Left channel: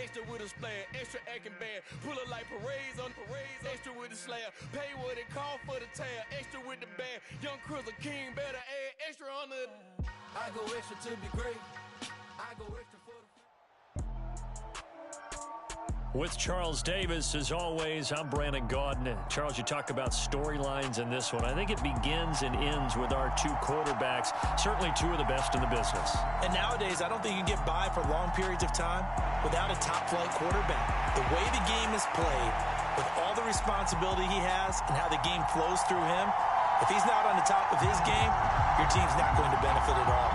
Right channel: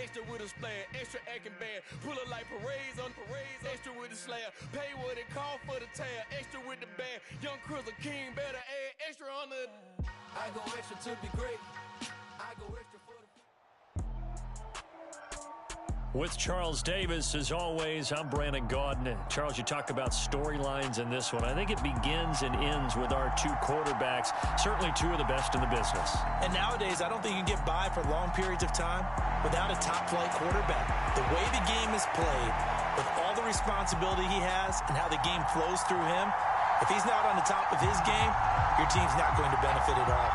extra with a splash, extra acting bad. Pull it like parades on parades, extra with the slab. Pay what it call for the tab, extra with the bag. Young Cruiser King, better add extra on the. I go extra to be great. I go extra for the. With Charles Davis, as always, I'm Brandon Gaudin. Charles, you talk about storylines in this one. I think it begins and ends with our two quarterbacks, certainly two of the best in the business. And nowadays, I don't think you can get by for long periods of time without a top-flight quarterback. The way the game is played, with all the responsibility he has and how the game flows through him, if he's not on the top of his game, your team's not going to benefit at all.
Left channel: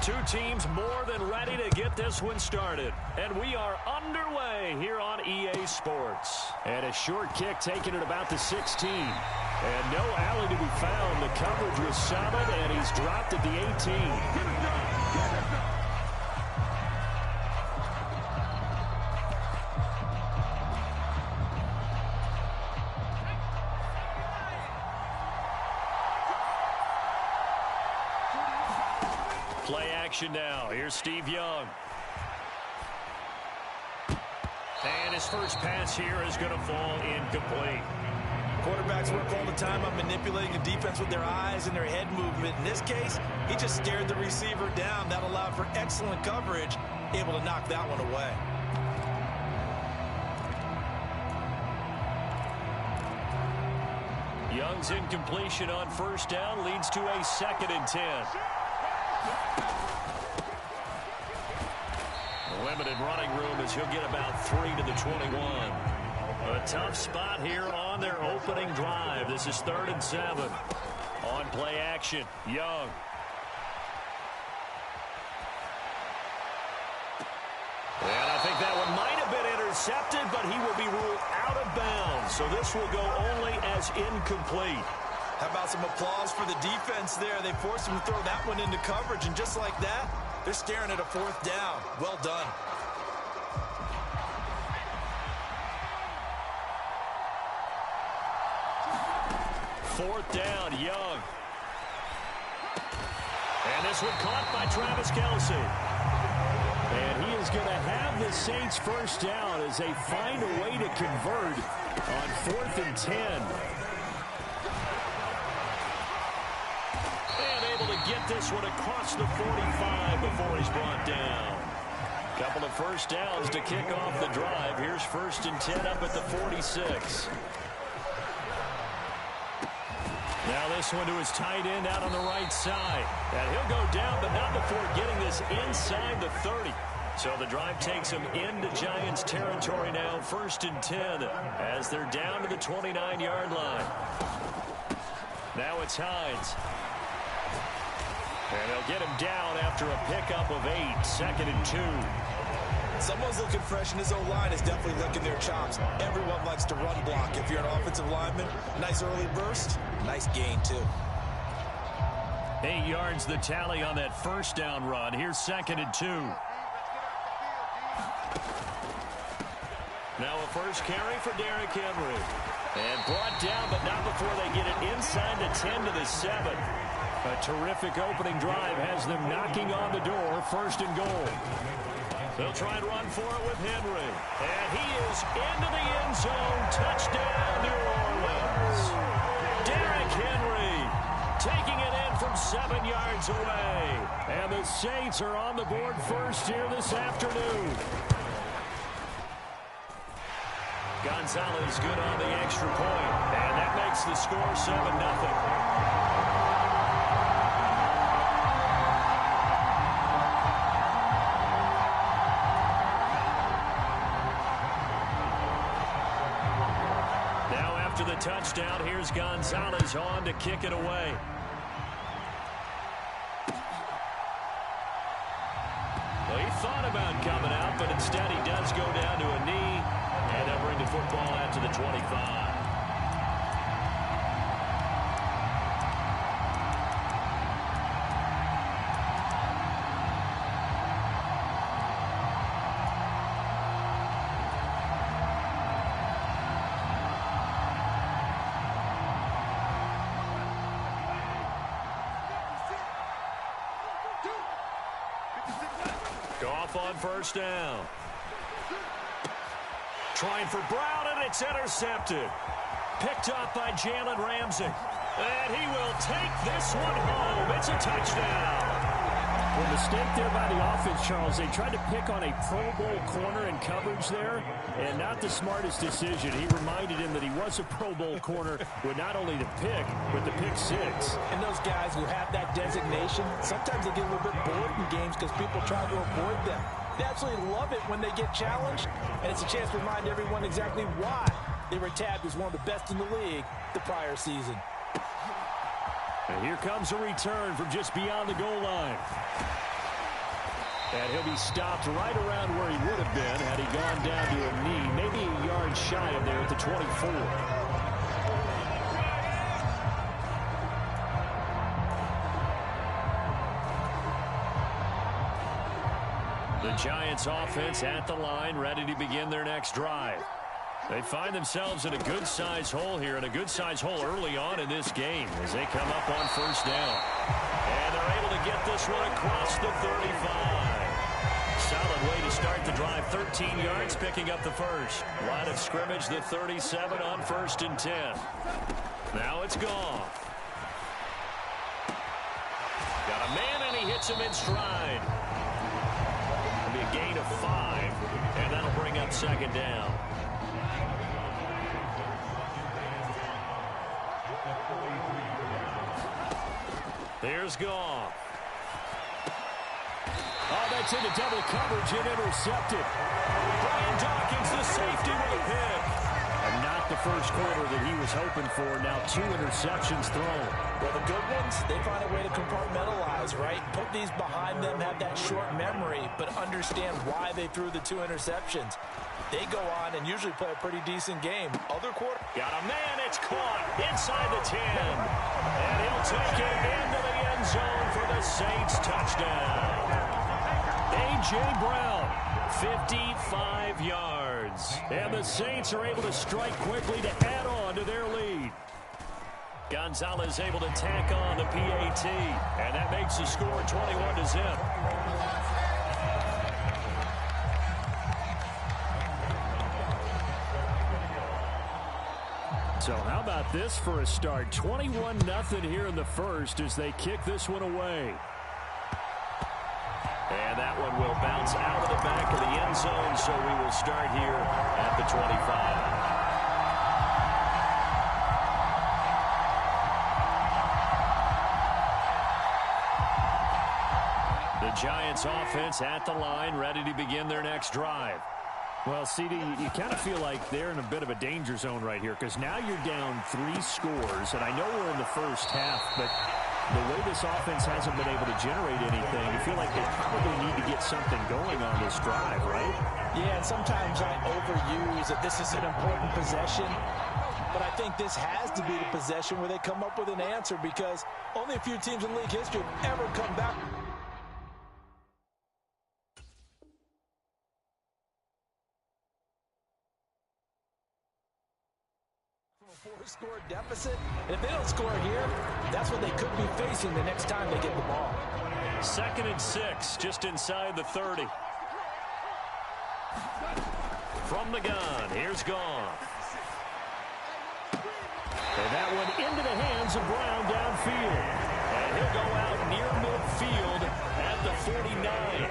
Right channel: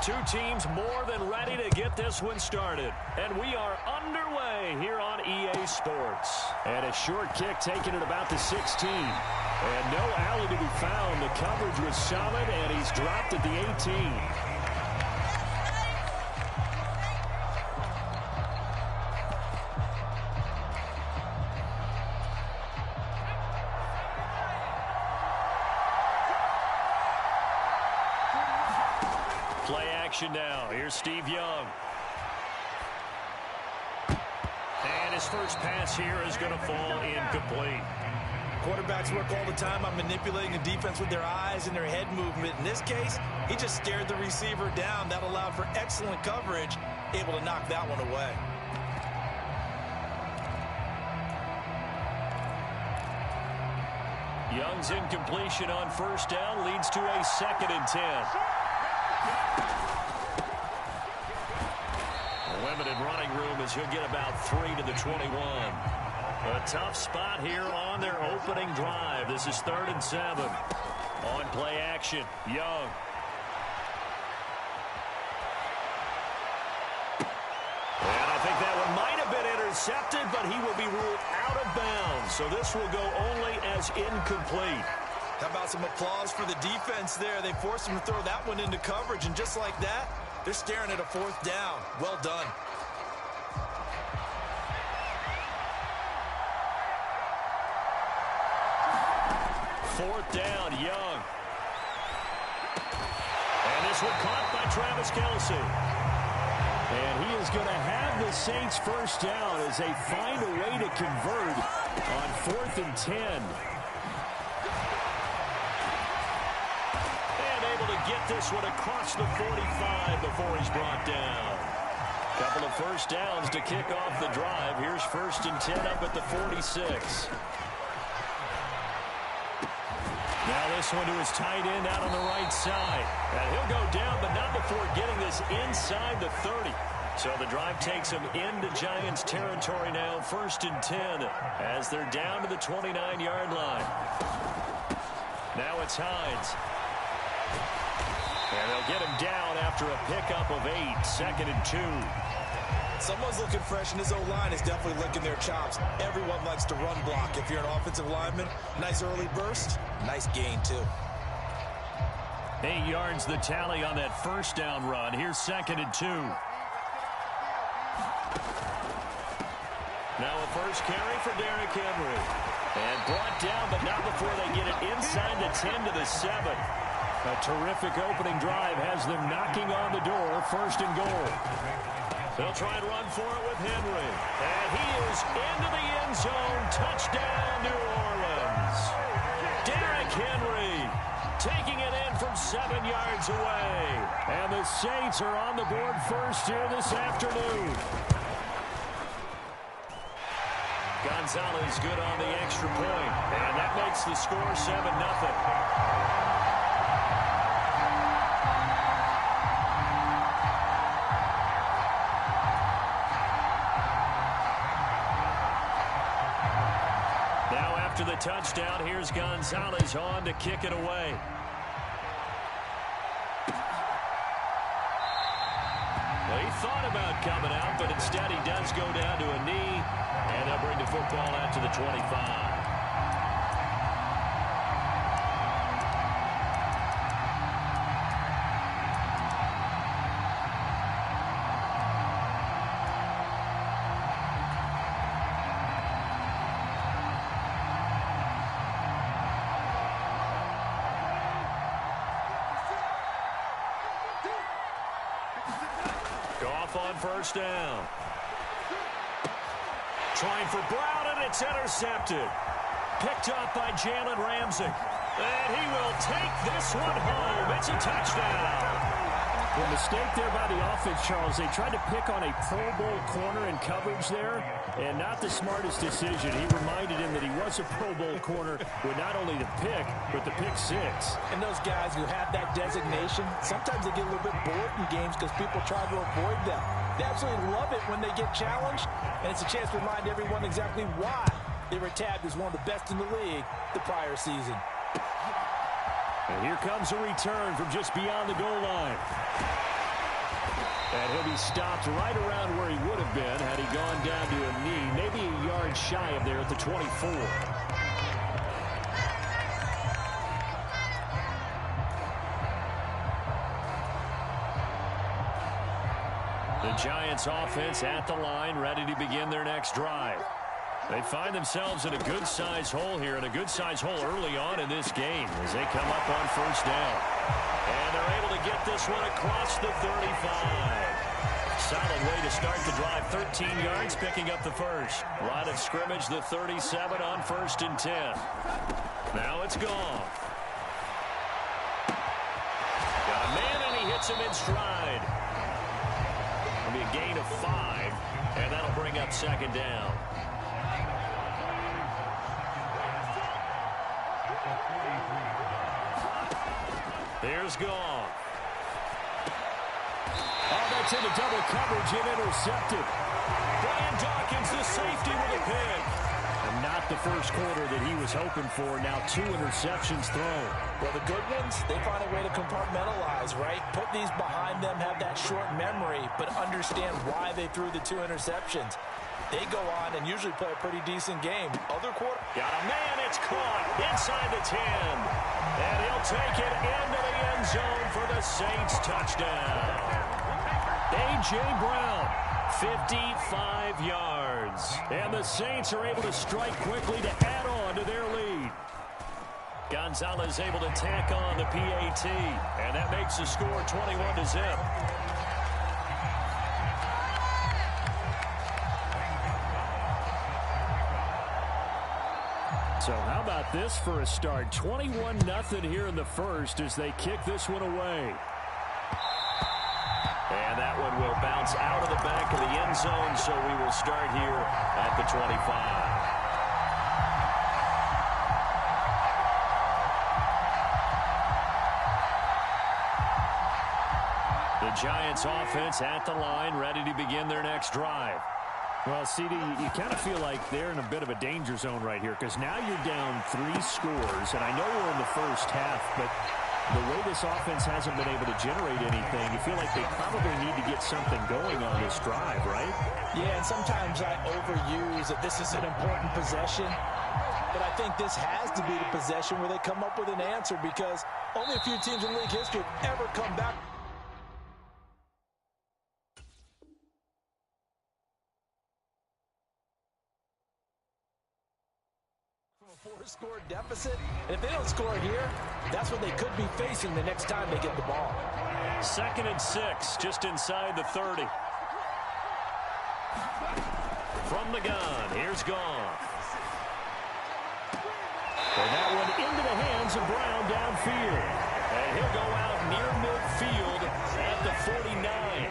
Two teams more than ready to get this one started. And we are underway here on EA Sports. And a short kick taken at about the 16. And no alley to be found. The coverage was solid, and he's dropped at the 18. Play action now. Here's Steve Young. And his first pass here is going to fall incomplete. Quarterbacks work all the time on manipulating the defense with their eyes and their head movement. In this case, he just stared the receiver down. That allowed for excellent coverage, able to knock that one away. Young's incompletion on first down leads to a 2nd and 10. Limited running room as he'll get about 3 to the 21. A tough spot here on their opening drive. This is 3rd and 7. On play action, Young. And I think that one might have been intercepted, but he will be ruled out of bounds. So this will go only as incomplete. How about some applause for the defense there? They forced him to throw that one into coverage, and just like that, they're staring at a 4th down. Well done. Fourth down, Young. And this one caught by Travis Kelce. And he is going to have the Saints first down as they find a way to convert on 4th and 10. And able to get this one across the 45 before he's brought down. Couple of first downs to kick off the drive. Here's 1st and 10 up at the 46. Now this one to his tight end out on the right side. And he'll go down, but not before getting this inside the 30. So the drive takes him into Giants territory now. 1st and 10 as they're down to the 29-yard line. Now it's Hines. And they'll get him down after a pickup of 8. 2nd and 2. Someone's looking fresh, and his O-line is definitely licking their chops. Everyone likes to run block. If you're an offensive lineman, nice early burst, nice gain, too. 8 yards the tally on that first down run. Here's 2nd and 2. Now a first carry for Derrick Henry. And brought down, but not before they get it inside the 10 to the 7. A terrific opening drive has them knocking on the door. 1st and goal. They'll try and run for it with Henry. And he is into the end zone. Touchdown, New Orleans. Derrick Henry taking it in from 7 yards away. And the Saints are on the board first here this afternoon. Gonzalez good on the extra point. And that makes the score 7-0. After the touchdown, here's Gonzalez on to kick it away. Well, he thought about coming out, but instead he does go down to a knee, and they'll bring the football out to the 25. Goff on first down. Trying for Brown, and it's intercepted. Picked up by Jalen Ramsey. And he will take this one home. It's a touchdown. The mistake there by the offense, Charles. They tried to pick on a Pro Bowl corner in coverage there, and not the smartest decision. He reminded him that he was a Pro Bowl corner with not only the pick, but the pick six. And those guys who have that designation, sometimes they get a little bit bored in games because people try to avoid them. They absolutely love it when they get challenged, and it's a chance to remind everyone exactly why they were tabbed as one of the best in the league the prior season. And here comes a return from just beyond the goal line. And he'll be stopped right around where he would have been had he gone down to a knee, maybe a yard shy of there at the 24. The Giants offense at the line, ready to begin their next drive. They find themselves in a good-sized hole here, and a good-sized hole early on in this game as they come up on first down. And they're able to get this one across the 35. Solid way to start the drive. 13 yards, picking up the first. Line of scrimmage, the 37 on 1st and 10. Now it's Goff. Got a man, and he hits him in stride. It'll be a gain of 5, and that'll bring up 2nd down. Here's Goff. Oh, that's into double coverage and intercepted. Brian Dawkins, the safety, with a pick. And not the first quarter that he was hoping for. Now 2 interceptions thrown. Well, the good ones, they find a way to compartmentalize, right? Put these behind them, have that short memory, but understand why they threw the 2 interceptions. They go on and usually play a pretty decent game. Other quarter. Got a man, it's caught inside the 10. And he'll take it into the end zone for the Saints touchdown. A.J. Brown, 55 yards. And the Saints are able to strike quickly to add on to their lead. Gonzalez able to tack on the PAT. And that makes the score 21-0. So how about this for a start? 21-0 here in the first as they kick this one away. And that one will bounce out of the back of the end zone, so we will start here at the 25. The Giants offense at the line, ready to begin their next drive. Well, CD, you kind of feel like they're in a bit of a danger zone right here because now you're down 3 scores, and I know we're in the first half, but the way this offense hasn't been able to generate anything, you feel like they probably need to get something going on this drive, right? Yeah, and sometimes I overuse that this is an important possession, but I think this has to be the possession where they come up with an answer because only a few teams in league history have ever come back. Four-score deficit, and if they don't score here, that's what they could be facing the next time they get the ball. 2nd and 6, just inside the 30. From the gun, here's Goff. And that one into the hands of Brown downfield. And he'll go out near midfield at the 49.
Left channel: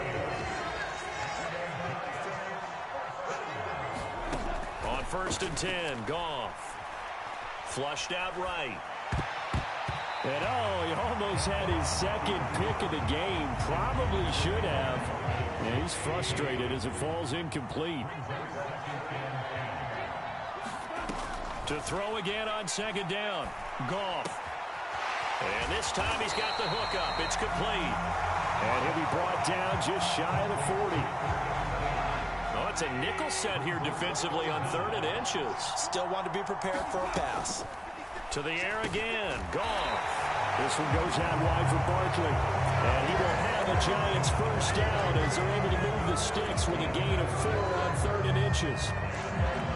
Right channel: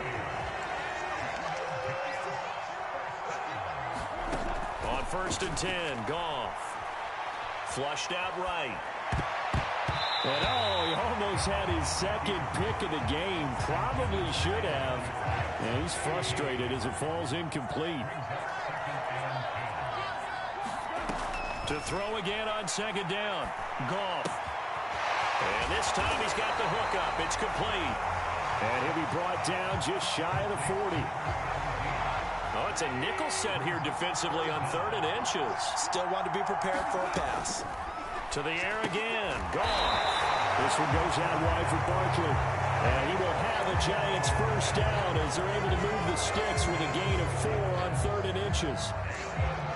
On 1st and 10, Goff. Flushed out right. And oh, he almost had his 2nd pick of the game. Probably should have. And he's frustrated as it falls incomplete. To throw again on 2nd down. Goff. And this time he's got the hook up. It's complete. And he'll be brought down just shy of the 40. Oh, it's a nickel set here defensively on 3rd and inches. Still want to be prepared for a pass. To the air again. Goff. This one goes out wide for Barkley. And he will have a Giants first down as they're able to move the sticks with a gain of 4 on 3rd and inches.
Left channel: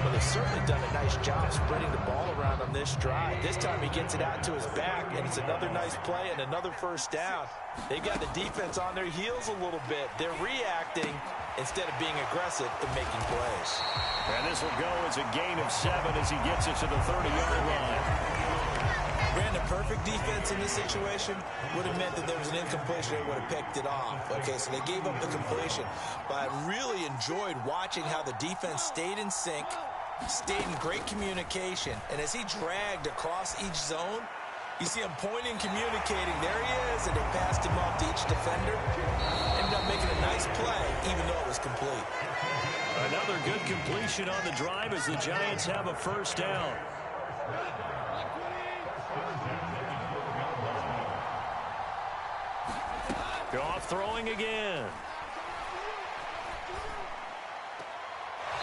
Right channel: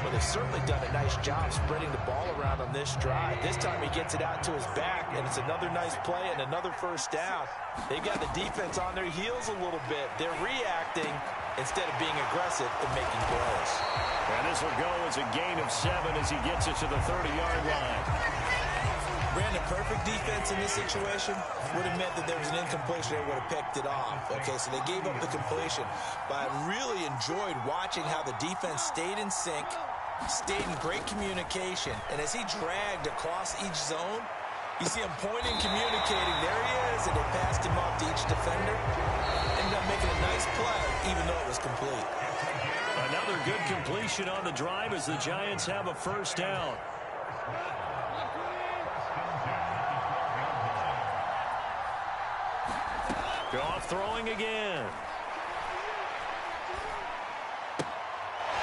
Well, they've certainly done a nice job spreading the ball around on this drive. This time he gets it out to his back, and it's another nice play and another first down. They've got the defense on their heels a little bit. They're reacting instead of being aggressive and making plays. And this will go as a gain of 7 as he gets it to the 30-yard line. Brandon, perfect defense in this situation would have meant that there was an incompletion. They would have picked it off. Okay, so they gave up the completion. But I really enjoyed watching how the defense stayed in sync, stayed in great communication. And as he dragged across each zone, you see him pointing, communicating. There he is, and they passed him off to each defender. Ended up making a nice play, even though it was complete. Another good completion on the drive as the Giants have a first down. Goff throwing again.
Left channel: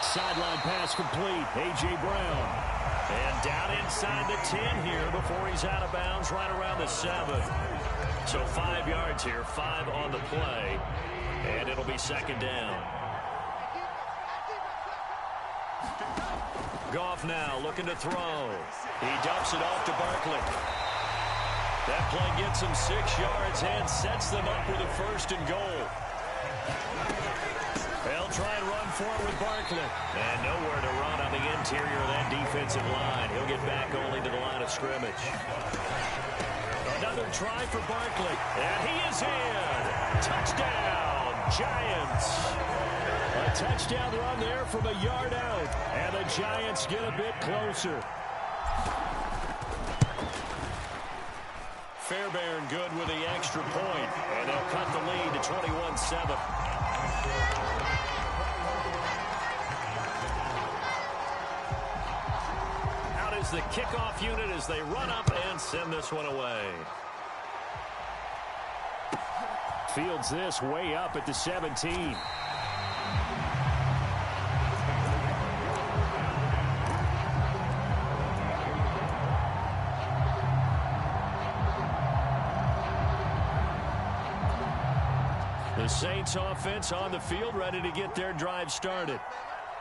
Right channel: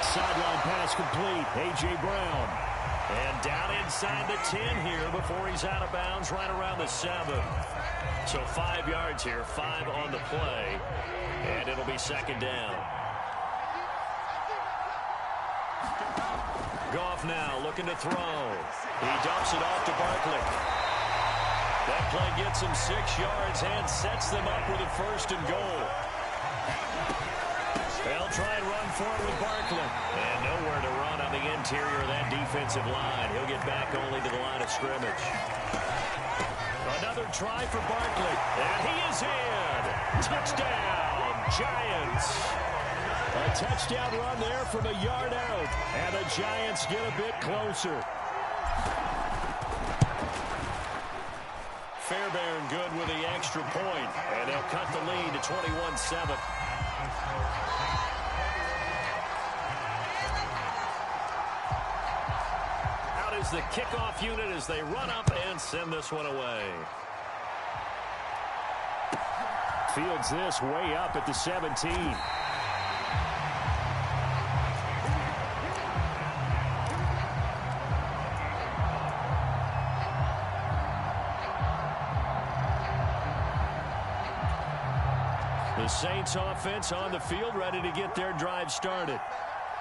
Sideline pass complete. A.J. Brown. And down inside the 10 here before he's out of bounds right around the 7. So 5 yards here, 5 on the play. And it'll be second down. Goff now looking to throw. He dumps it off to Barkley. That play gets him 6 yards and sets them up with a first and goal. They'll try and run for it with Barkley. And nowhere to run on the interior of that defensive line. He'll get back only to the line of scrimmage. Another try for Barkley. And he is in. Touchdown, Giants. A touchdown run there from a yard out. And the Giants get a bit closer. Fairbairn good with the extra point, and they'll cut the lead to 21-7. Out is the kickoff unit as they run up and send this one away. Fields this way up at the 17. The Saints offense on the field ready to get their drive started.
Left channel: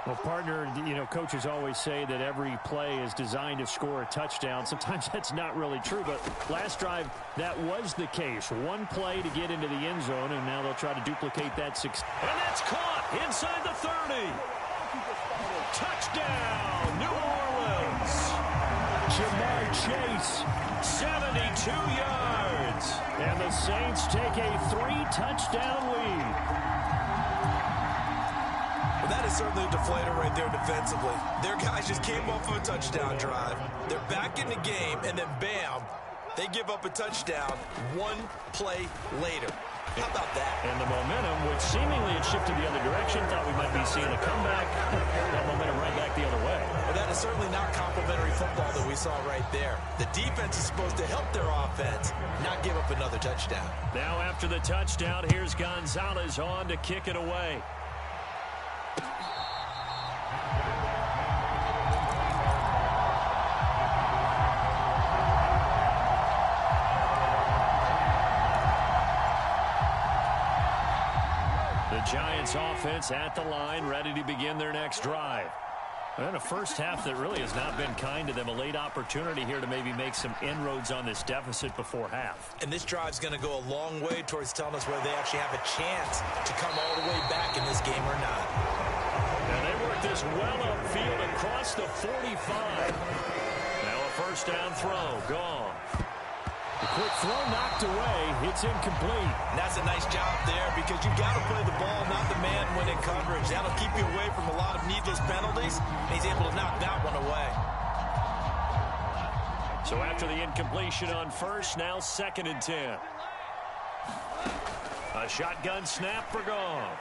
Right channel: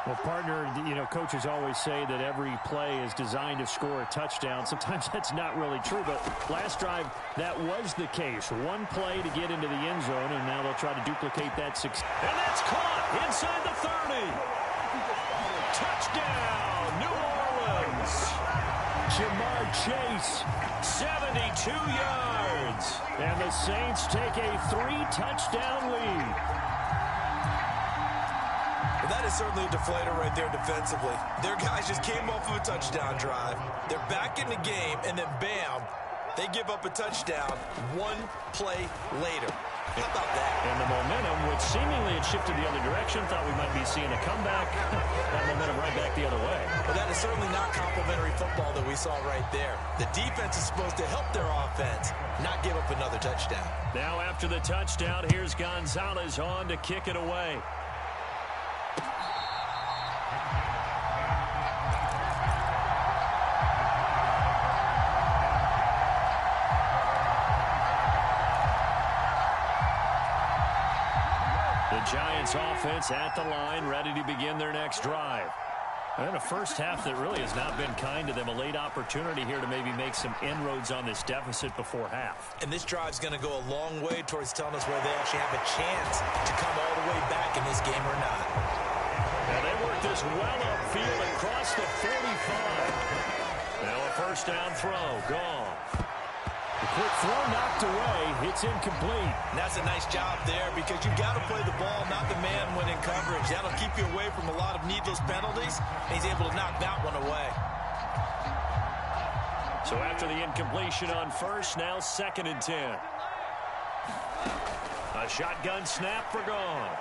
Well, partner, you know, coaches always say that every play is designed to score a touchdown. Sometimes that's not really true, but last drive, that was the case. One play to get into the end zone, and now they'll try to duplicate that success. And that's caught inside the 30. Touchdown, New Orleans. Jamar Chase, 72 yards. And the Saints take a 3-touchdown lead. Well, that is certainly a deflator right there defensively. Their guys just came off of a touchdown drive. They're back in the game, and then bam, they give up a touchdown one play later. How about that? And the momentum, which seemingly had shifted the other direction, thought we might be seeing a comeback. That momentum right back the other way. Well, that is certainly not complimentary football that we saw right there. The defense is supposed to help their offense, not give up another touchdown. Now after the touchdown, here's Gonzalez on to kick it away. The Giants offense at the line, ready to begin their next drive. And a first half that really has not been kind to them. A late opportunity here to maybe make some inroads on this deficit before half. And this drive's going to go a long way towards telling us whether they actually have a chance to come all the way back in this game or not. And they work this well upfield across the 45. Now a first down throw, gone. The quick throw knocked away. It's incomplete. And that's a nice job there because you've got to play the ball, not the man when in coverage. That'll keep you away from a lot of needless penalties, and he's able to knock that one away. So after the incompletion on first, now 2nd and 10. A shotgun snap for Goff.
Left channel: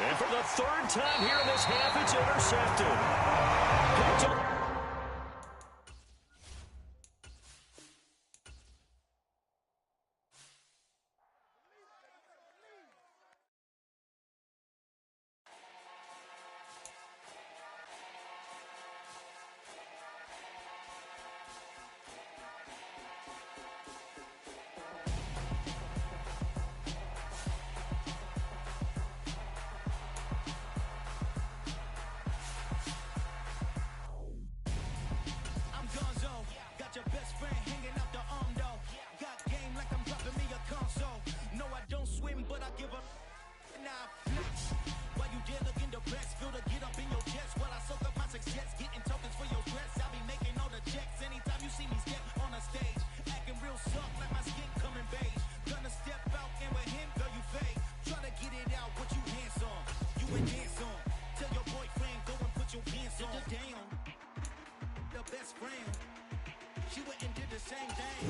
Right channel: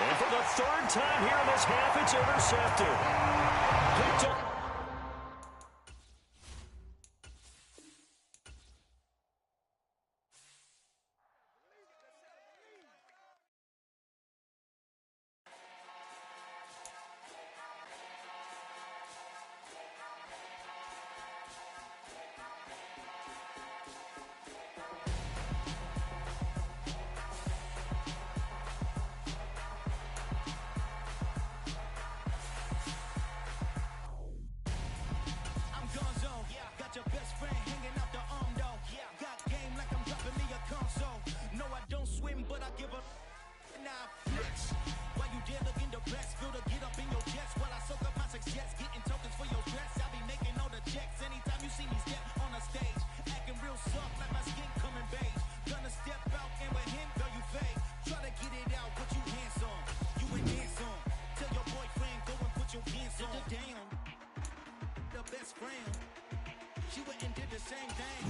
And for the 3rd time here in this half, it's intercepted. Picked up. got your best friend hanging out the arm though. Got game like I'm dropping me a console. No, I don't swim, but I give a now flex. While you there looking the best, feel the get up in your chest while I soak up my success, getting tokens for your stress. I'll be making all the checks anytime you see me step on a stage, acting real soft like my skin coming beige. Gonna step out and with him, girl, you fake. Try to get it out, what you handsome, you ain't dance on. Tell your boyfriend, go and put your pants on. Down, the best friend, she went and did the same thing.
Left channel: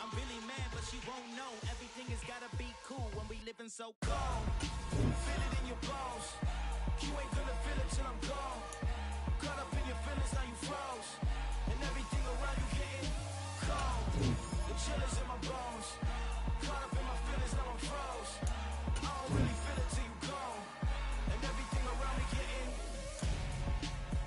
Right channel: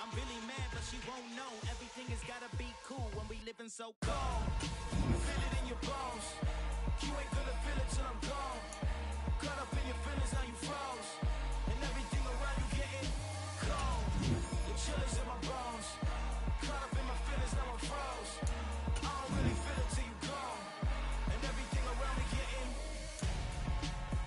I'm really mad, but she won't know. Everything has gotta be cool when we living so cold. Feel it in your bones. You ain't gonna feel it till I'm gone. Caught up in your feelings, now you froze. And everything around you getting cold. The chill is in my bones. Caught up in my feelings, now I'm froze. I don't really feel it till you gone. And everything around me getting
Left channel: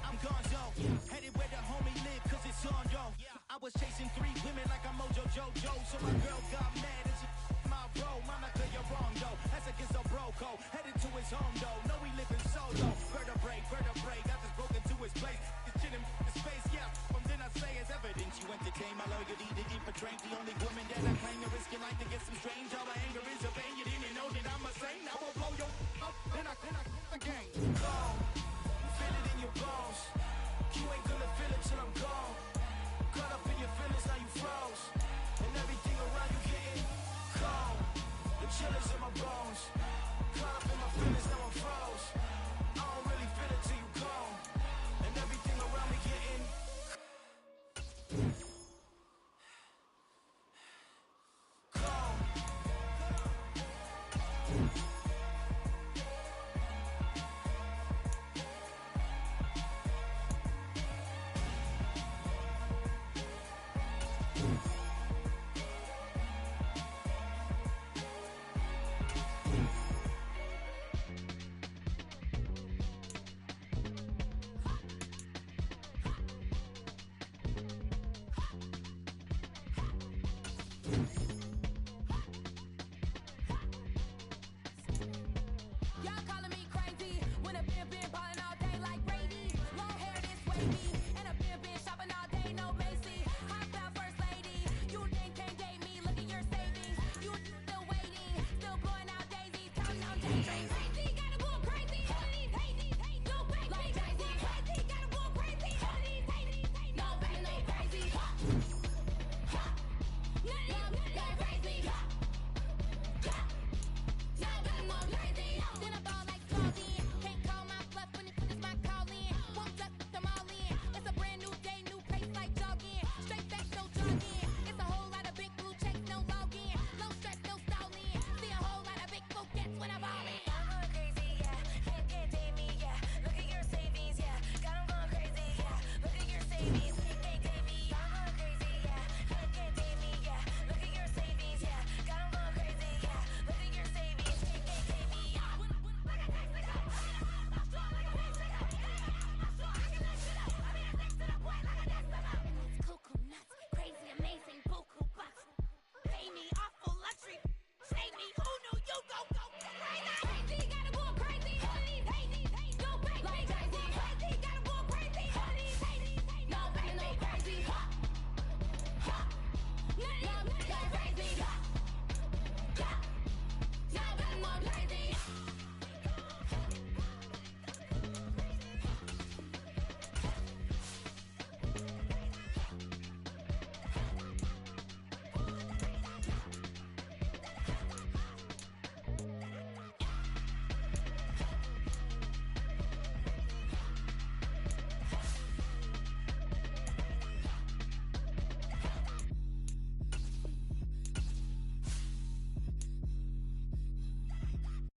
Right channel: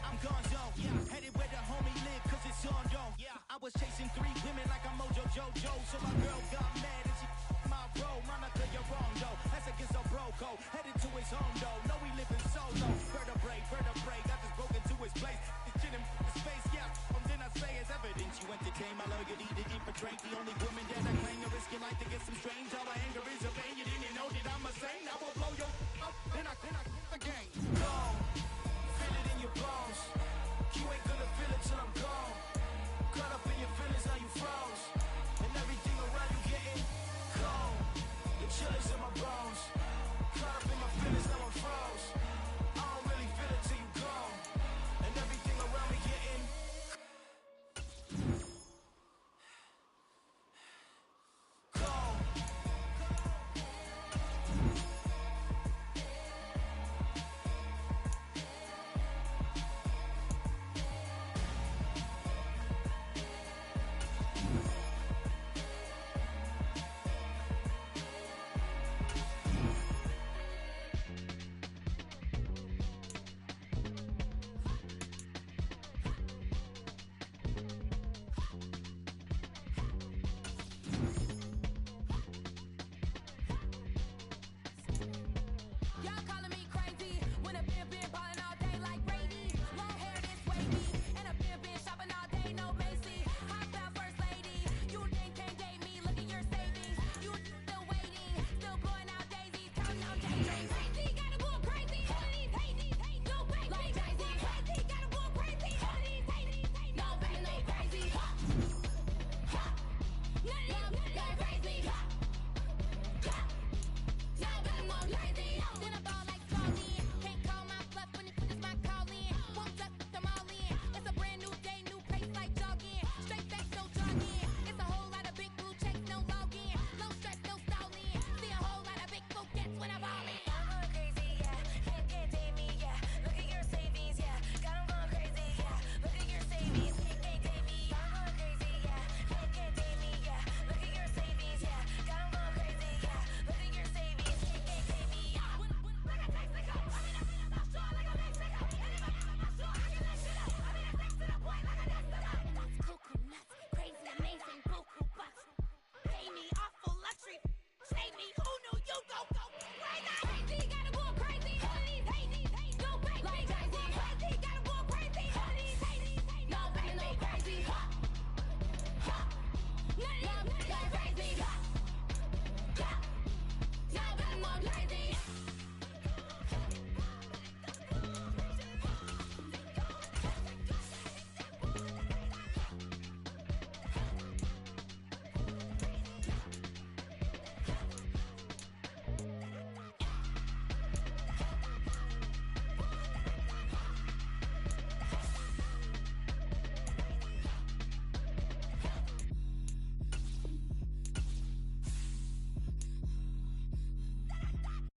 I'm gonzo. Headed where the homie live, cause it's on though. I was chasing 3 women like I'm Mojo Jojo. So my girl got mad and she my bro. Monica, you're wrong though. That's against a bro code. Headed to his home though. No, we living solo. Vertebrae. Got this broken to his place. It's shit in his face, yeah. From then I say it's evidence. You entertain my loyalty to infiltrate. The only woman that I claim. You risk your life to get some strange. All my anger is a pain. You didn't know that I'm a saint. I will blow your up. Then I again. Gone. Feel it in your bones. You ain't gonna feel it till I'm gone. Caught up in your feelings, now you froze. And everything around you getting cold. The chill is in my bones. Caught up in my feelings, now I'm froze. I don't really feel it till you gone. And everything around me getting cold.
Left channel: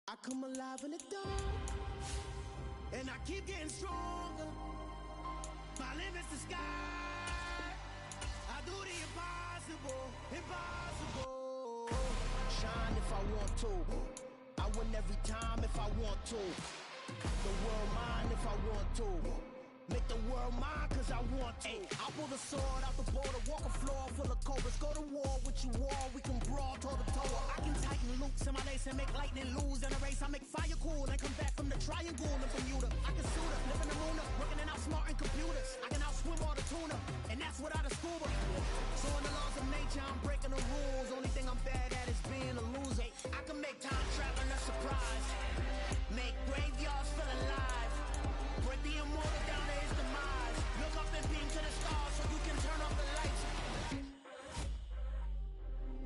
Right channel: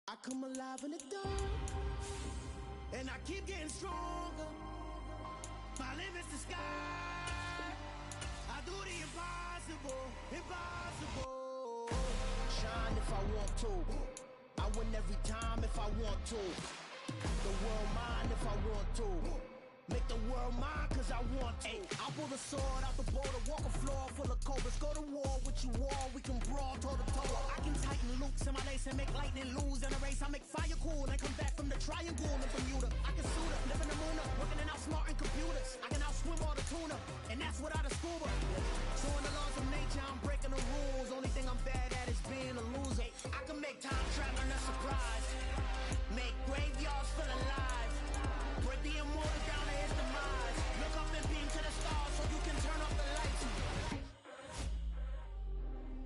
I come alive in the dark, and I keep getting stronger. My limit's the sky. I do the impossible, impossible. Shine if I want to. I win every time if I want to. The world mine if I want to. Make the world mine cause I want to. I pull the sword out the border, walk a floor full of cobras. Go to war with you all, we can brawl toe to toe. I can tighten loops in my lace and make lightning lose in a race. I make fire cool and come back from the a triangle in Bermuda. I can suit her, living the moon, working and outsmarting computers. I can outswim all the tuna, and that's without a scuba. So in the laws of nature, I'm breaking the rules. Only thing I'm bad at is being a loser. I can make time traveling a surprise, make graveyards feel alive, break the immortal down to his demise. Look up and beam to the stars so you can turn off the lights.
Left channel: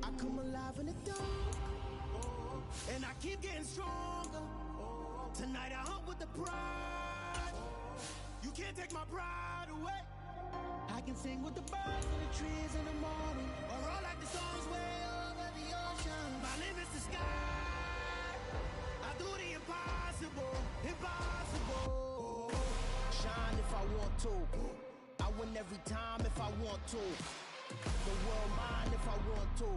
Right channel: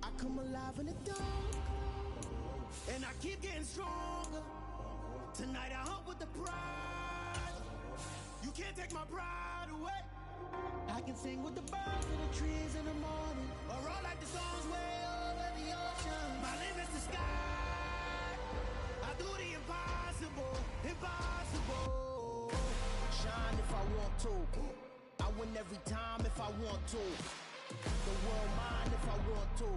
I come alive in the dark, and I keep getting stronger. Tonight I hunt with the pride. You can't take my pride away. I can sing with the birds and the trees in the morning, or roll like the songs way over the ocean. My limit's the sky. I do the impossible, impossible. Shine if I want to. I win every time if I want to. The world mine if I want to.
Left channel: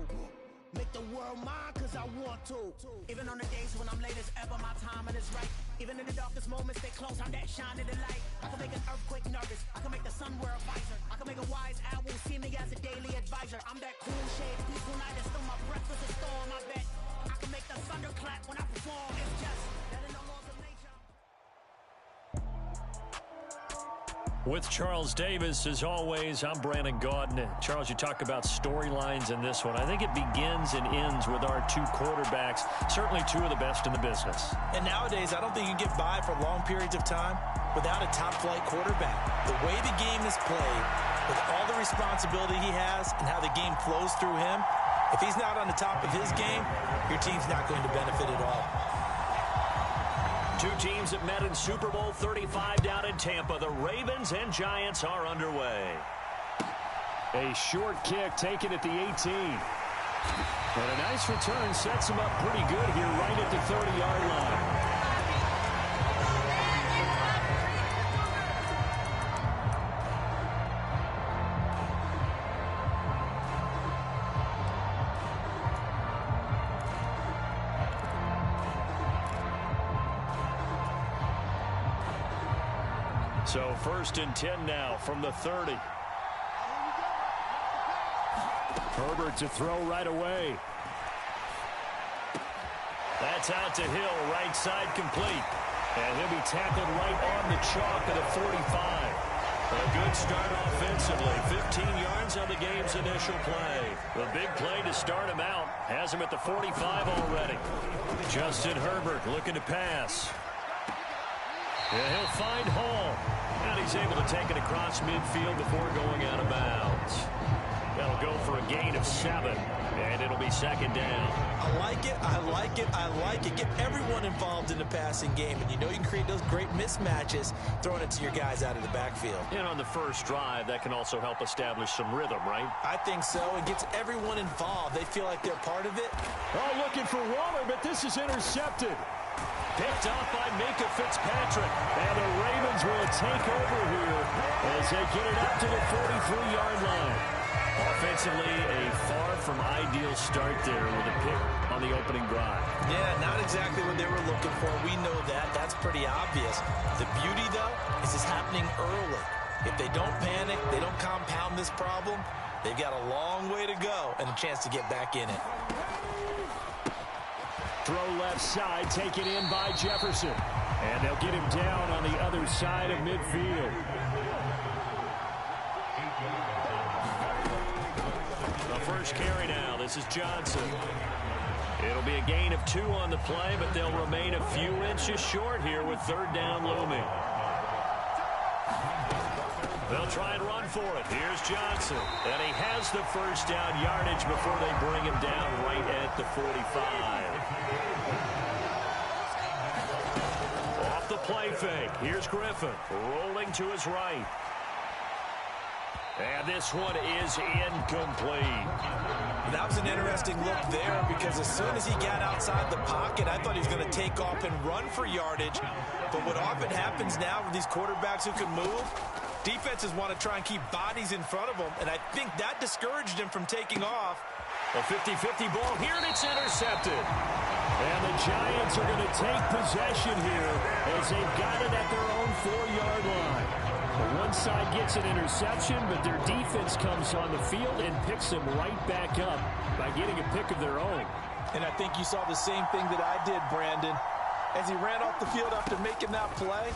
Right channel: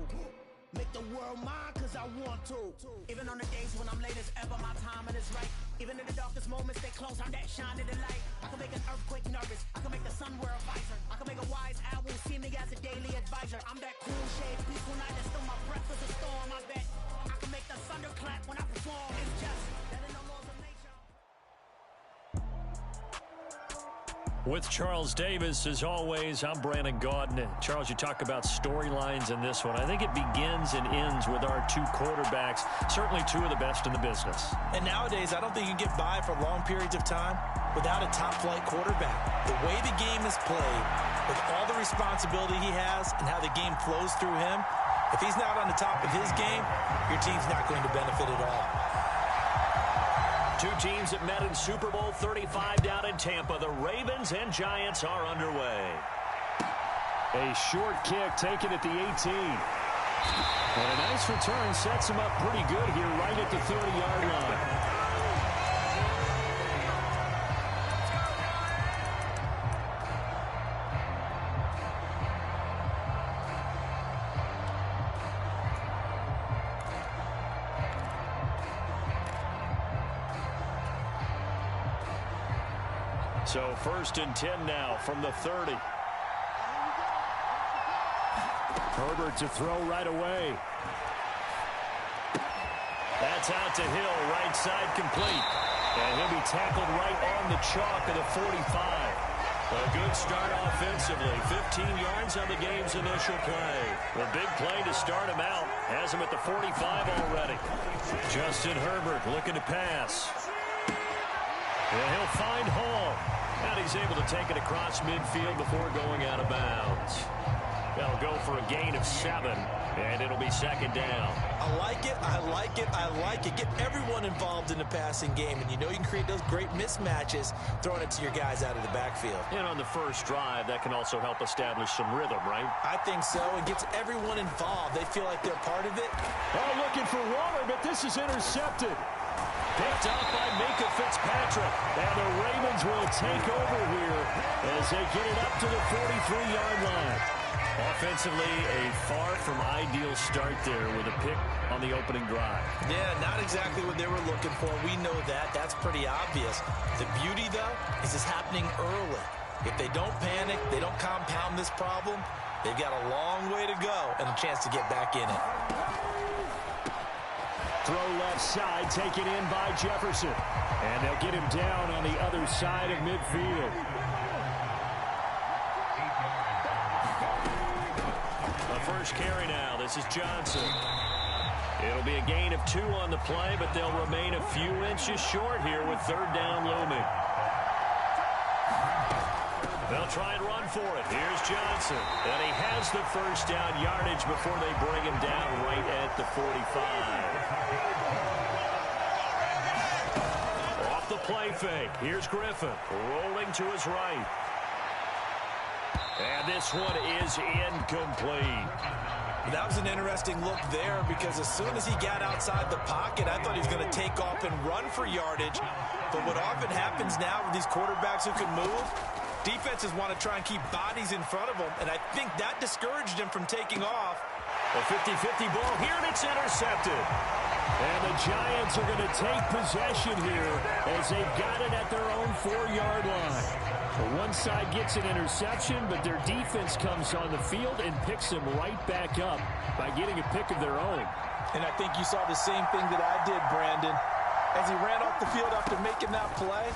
Make the world mine cause I want to. Even on the days when I'm late as ever, my timing is right. Even in the darkest moments, stay close, I'm that shining the light. I can make an earthquake nervous, I can make the sun wear a visor. I can make a wise owl see me as a daily advisor. I'm that cool shade, peaceful night, and still my breath is a storm. I bet I can make the thunder clap when I perform. It's just that in the laws of nature. With Charles Davis, as always, I'm Brandon Gaudin. Charles, you talk about storylines in this one. I think it begins and ends with our two quarterbacks, certainly two of the best in the business. And nowadays, I don't think you can get by for long periods of time without a top-flight quarterback. The way the game is played, with all the responsibility he has and how the game flows through him, if he's not on the top of his game, your team's not going to benefit at all. Two teams that met in Super Bowl 35 down in Tampa. The Ravens and Giants are underway. A short kick taken at the 18. And a nice return sets him up pretty good here right at the 30-yard line. So 1st and 10 now from the 30. Herbert to throw right away. That's out to Hill, right side complete. And he'll be tackled right on the chalk of the 45. A good start offensively. 15 yards on the game's initial play. The big play to start him out has him at the 45 already. Justin Herbert looking to pass. And he'll find Hall. And he's able to take it across midfield before going out of bounds. That'll go for a gain of 7, and it'll be 2nd down. I like it, I like it, I like it. Get everyone involved in the passing game, and you know you can create those great mismatches throwing it to your guys out of the backfield. And on the first drive, that can also help establish some rhythm, right? I think so. It gets everyone involved. They feel like they're part of it. Oh, looking for Waller, but this is intercepted. Picked up by Minkah Fitzpatrick. And the Ravens will take over here as they get it up to the 43-yard line. Offensively, a far from ideal start there with a pick on the opening drive. Yeah, not exactly what they were looking for. We know that. That's pretty obvious. The beauty, though, is it's happening early. If they don't panic, they don't compound this problem, they've got a long way to go and a chance to get back in it. Throw left side, taken in by Jefferson. And they'll get him down on the other side of midfield. The first carry now. This is Johnson. It'll be a gain of 2 on the play, but they'll remain a few inches short here with 3rd down looming. They'll try and run for it. Here's Johnson. And he has the 1st down yardage before they bring him down right at the 45. Off the play fake. Here's Griffin rolling to his right. And this one is incomplete. That was an interesting look there because as soon as he got outside the pocket, I thought he was going to take off and run for yardage. But what often happens now with these quarterbacks who can move, defenses want to try and keep bodies in front of them, and I think that discouraged him from taking off. A 50-50 ball here, and it's intercepted. And the Giants are going to take possession here as they've got it at their own 4-yard line. One side gets an interception, but their defense comes on the field and picks them right back up by getting a pick of their own. And I think you saw the same thing that I did, Brandon. as he ran off the field after making that play.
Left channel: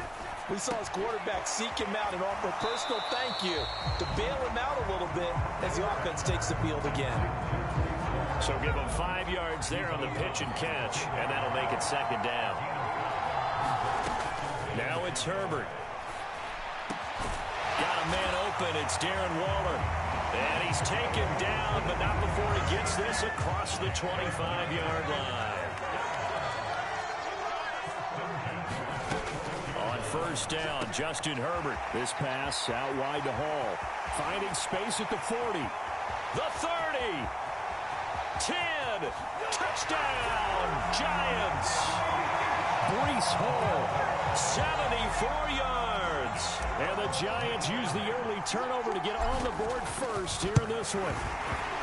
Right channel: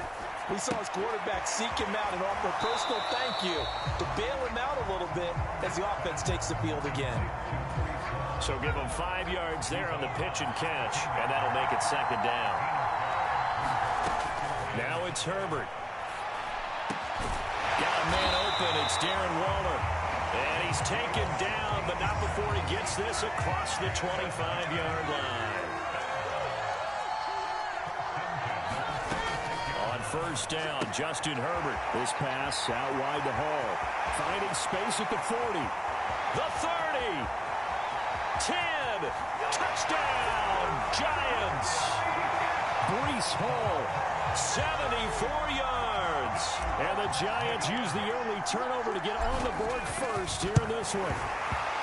We saw his quarterback seek him out and offer a personal thank you to bail him out a little bit as the offense takes the field again. So give him 5 yards there on the pitch and catch, and that'll make it second down. Now it's Herbert. Got a man open. It's Darren Waller. And he's taken down, but not before he gets this across the 25-yard line. On first down, Justin Herbert. This pass out wide to Hall. Finding space at the 40. The 30. 10. Touchdown, Giants. Breece Hall, 74 yards. And the Giants use the early turnover to get on the board first here in this one.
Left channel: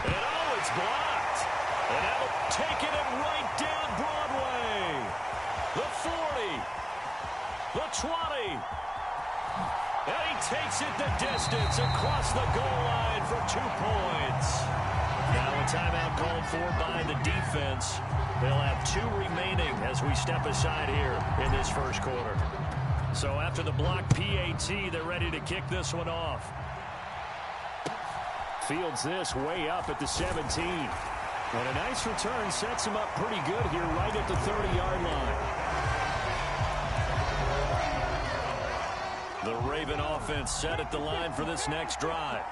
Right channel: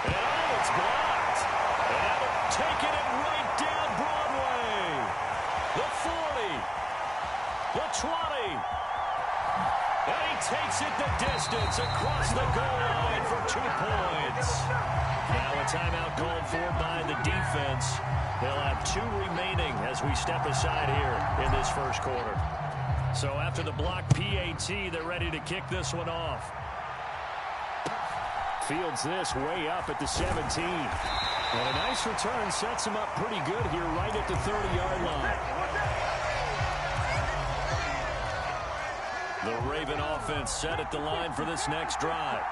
And oh, it's blocked. And that'll take it right down Broadway. The 40. The 20. And he takes it the distance across the goal line for 2 points. Now a timeout called for by the defense. They'll have 2 remaining as we step aside here in this first quarter. So after the block PAT, they're ready to kick this one off. Fields this way up at the 17. And a nice return sets him up pretty good here right at the 30-yard line. The Raven offense set at the line for this next drive.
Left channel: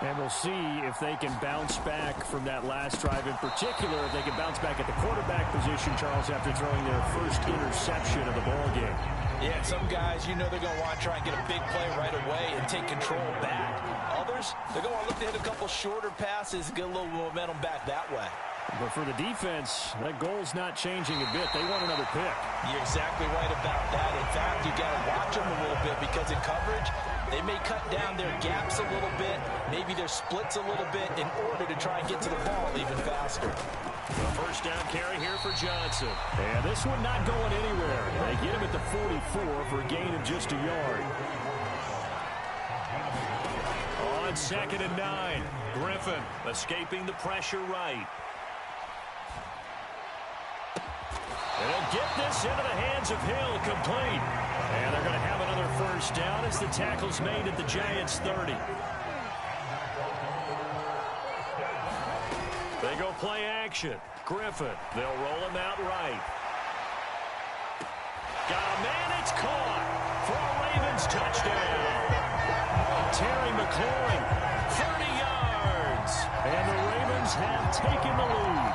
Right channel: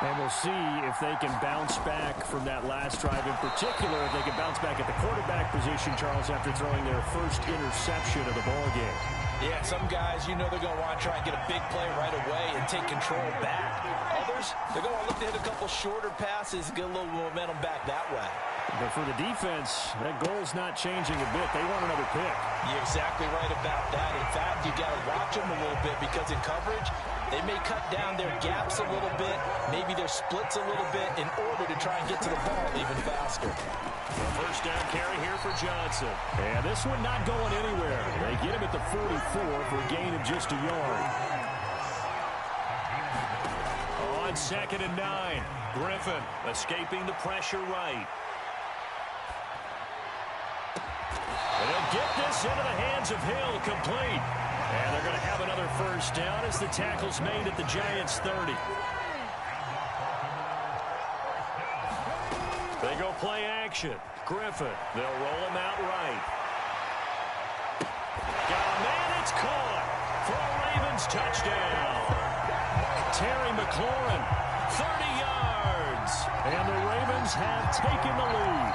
And we'll see if they can bounce back from that last drive. In particular, if they can bounce back at the quarterback position, Charles, after throwing their first interception of the ball game. Yeah, some guys, you know they're going to want to try and get a big play right away and take control back. Others, they're going to look to hit a couple shorter passes and get a little momentum back that way. But for the defense, that goal's not changing a bit. They want another pick. You're exactly right about that. In fact, you got to watch them a little bit because in coverage, they may cut down their gaps a little bit, maybe their splits a little bit in order to try and get to the ball even faster. The first down carry here for Johnson. And this one not going anywhere. They get him at the 44 for a gain of just a yard. On 2nd and 9, Griffin escaping the pressure right. And he'll get this into the hands of Hill, complete. And they're going to have another first down as the tackle's made at the Giants' 30. They go play action. Griffin, they'll roll him out right. Got a man, it's caught for a Ravens touchdown. Terry McLaurin, 30 yards. And the Ravens have taken the lead.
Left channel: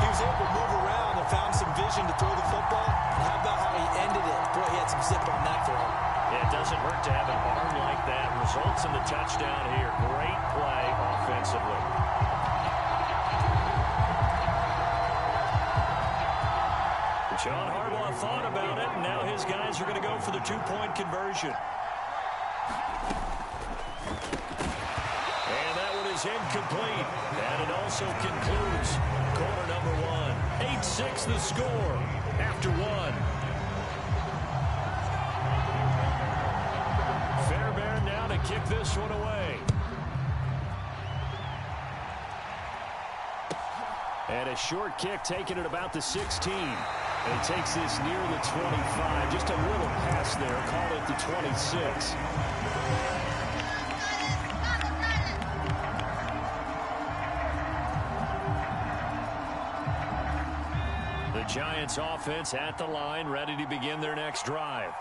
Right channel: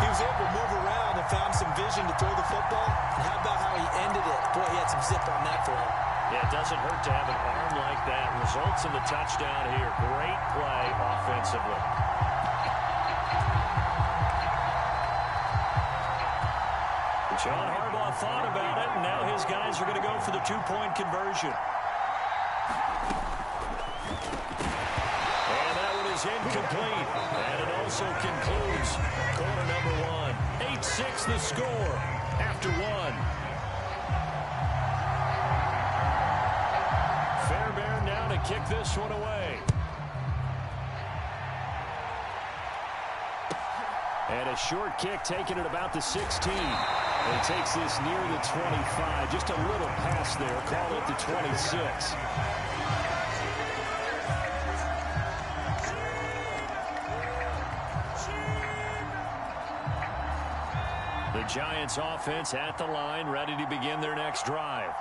He was able to move around and found some vision to throw the football. And how about how he ended it? Boy, he had some zip on that throw. Yeah, it doesn't hurt to have an arm like that. Results in the touchdown here. Great play offensively. John Harbaugh thought about it, and now his guys are going to go for the 2-point conversion. And that one is incomplete. And it also concludes quarter number 1. 8-6 the score after 1. Fairbairn now to kick this one away. And a short kick taken at about the 16. And he takes this near the 25. Just a little pass there. Call it the 26. The Giants offense at the line, ready to begin their next drive.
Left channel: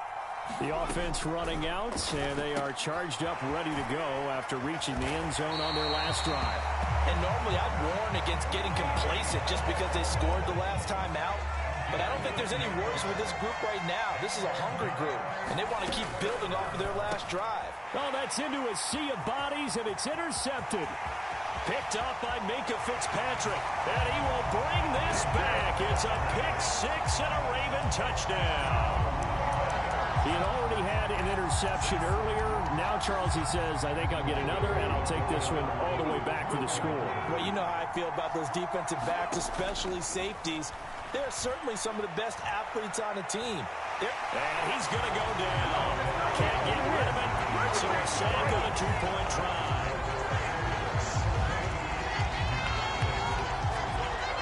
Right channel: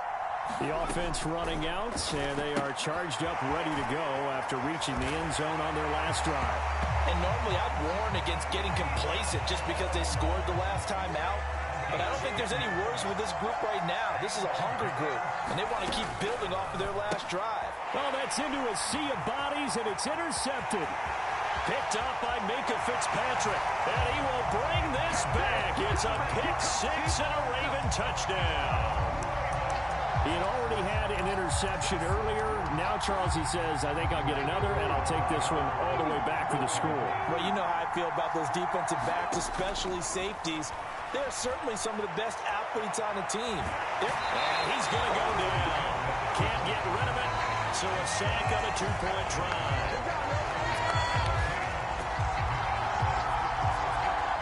The offense running out, and they are charged up, ready to go after reaching the end zone on their last drive. And normally I'd warn against getting complacent just because they scored the last time out. But I don't think there's any worries with this group right now. This is a hungry group, and they want to keep building off of their last drive. Oh, that's into a sea of bodies, and it's intercepted. Picked up by Minka Fitzpatrick, and he will bring this back. It's a pick 6 and a Raven touchdown. He had already had an interception earlier. Now, Charles, he says, I think I'll get another, and I'll take this one all the way back for the score. Well, you know how I feel about those defensive backs, especially safeties. They're certainly some of the best athletes on the team. And he's going to go down. Can't get rid of it, so a sack on a 2-point try.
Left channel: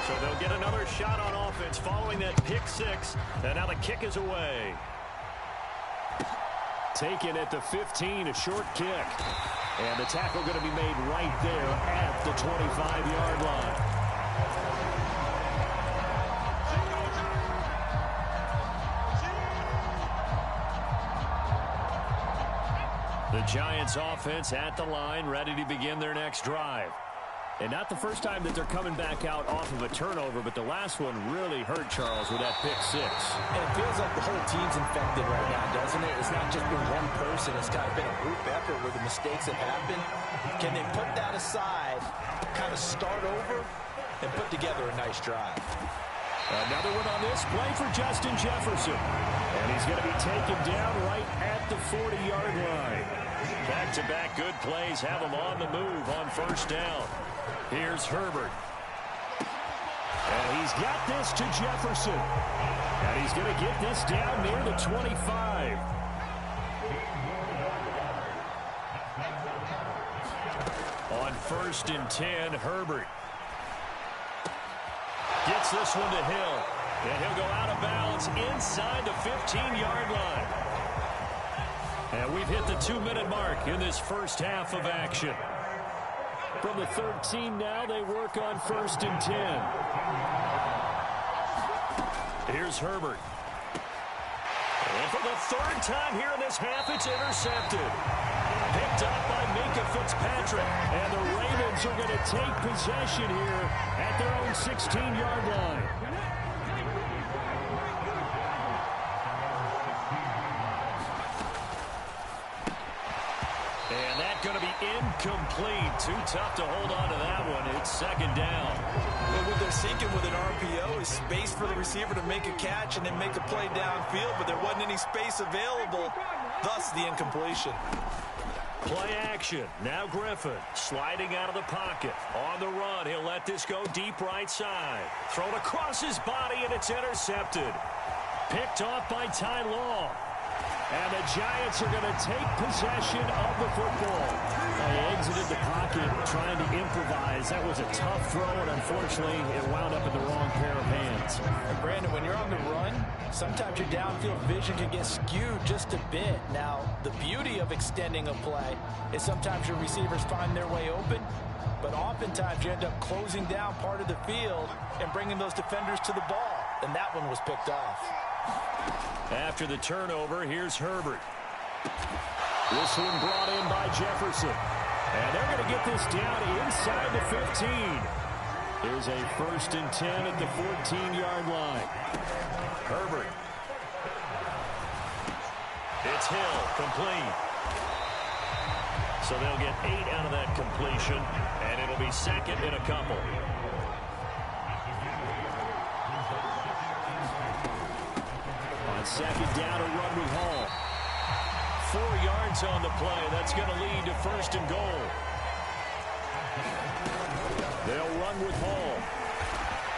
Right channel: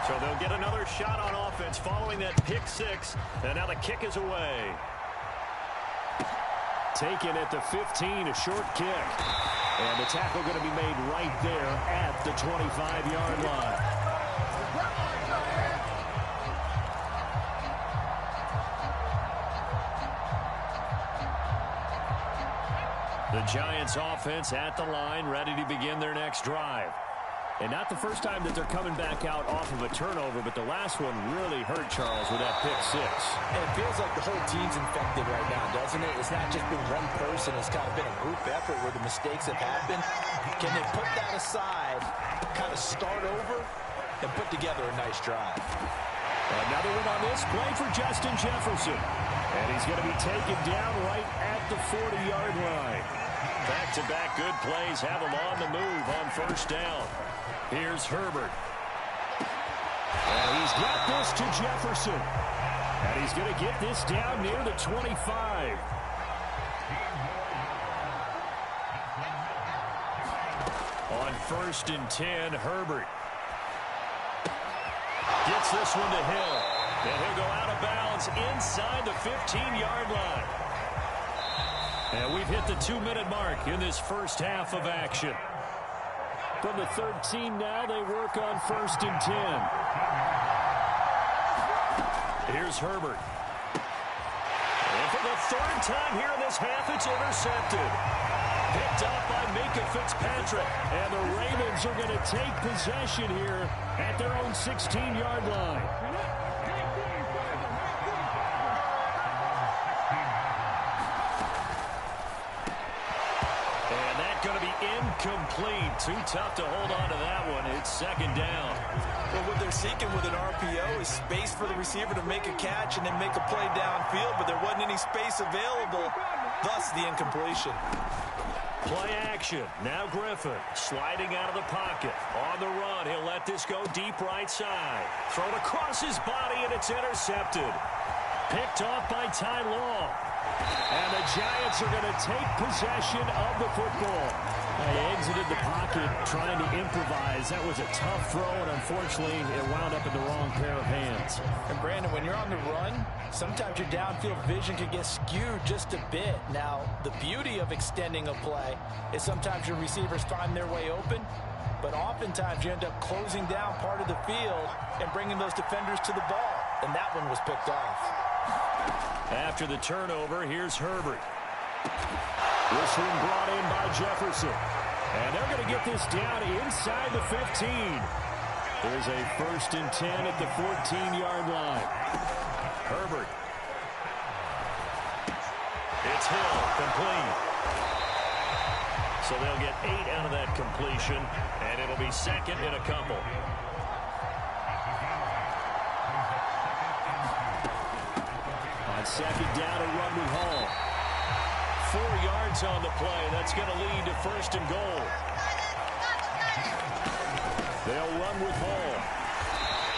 So they'll get another shot on offense following that pick six. And now the kick is away. Taken at the 15, a short kick. And the tackle going to be made right there at the 25-yard line. The Giants offense at the line, ready to begin their next drive. And not the first time that they're coming back out off of a turnover, but the last one really hurt, Charles, with that pick six. And it feels like the whole team's infected right now, doesn't it? It's not just been one person. It's kind of been a group effort where the mistakes have happened. Can they put that aside, kind of start over, and put together a nice drive? Another one on this play for Justin Jefferson. And he's going to be taken down right at the 40-yard line. Back-to-back good plays have him on the move on first down. Here's Herbert. And he's got this to Jefferson. And he's going to get this down near the 25. On 1st and 10, Herbert gets this one to Hill. And he'll go out of bounds inside the 15-yard line. And we've hit the 2-minute mark in this first half of action. From the 13 now, they work on 1st and 10. Here's Herbert. And for the third time here in this half, it's intercepted. Picked up by Minka Fitzpatrick. And the Ravens are going to take possession here at their own 16-yard line. And that's going to be incomplete. Too tough to hold on to that one. It's second down. Well, what they're seeking with an RPO is space for the receiver to make a catch and then make a play downfield, but there wasn't any space available, thus the incompletion. Play action. Now Griffin sliding out of the pocket. On the run, he'll let this go deep right side. Thrown across his body, and it's intercepted. Picked off by Ty Law. And the Giants are going to take possession of the football. They exited the pocket trying to improvise. That was a tough throw, and unfortunately, it wound up in the wrong pair of hands. And Brandon, when you're on the run, sometimes your downfield vision can get skewed just a bit. Now, the beauty of extending a play is sometimes your receivers find their way open, but oftentimes you end up closing down part of the field and bringing those defenders to the ball, and that one was picked off. After the turnover, here's Herbert. This one brought in by Jefferson. And they're going to get this down inside the 15. There's a 1st and 10 at the 14-yard line. Herbert. It's Hill, complete. So they'll get 8 out of that completion, and it'll be second and a couple. On second down, a run with Hall. 4 yards on the play. That's going to lead to 1st and goal. They'll run with Hall.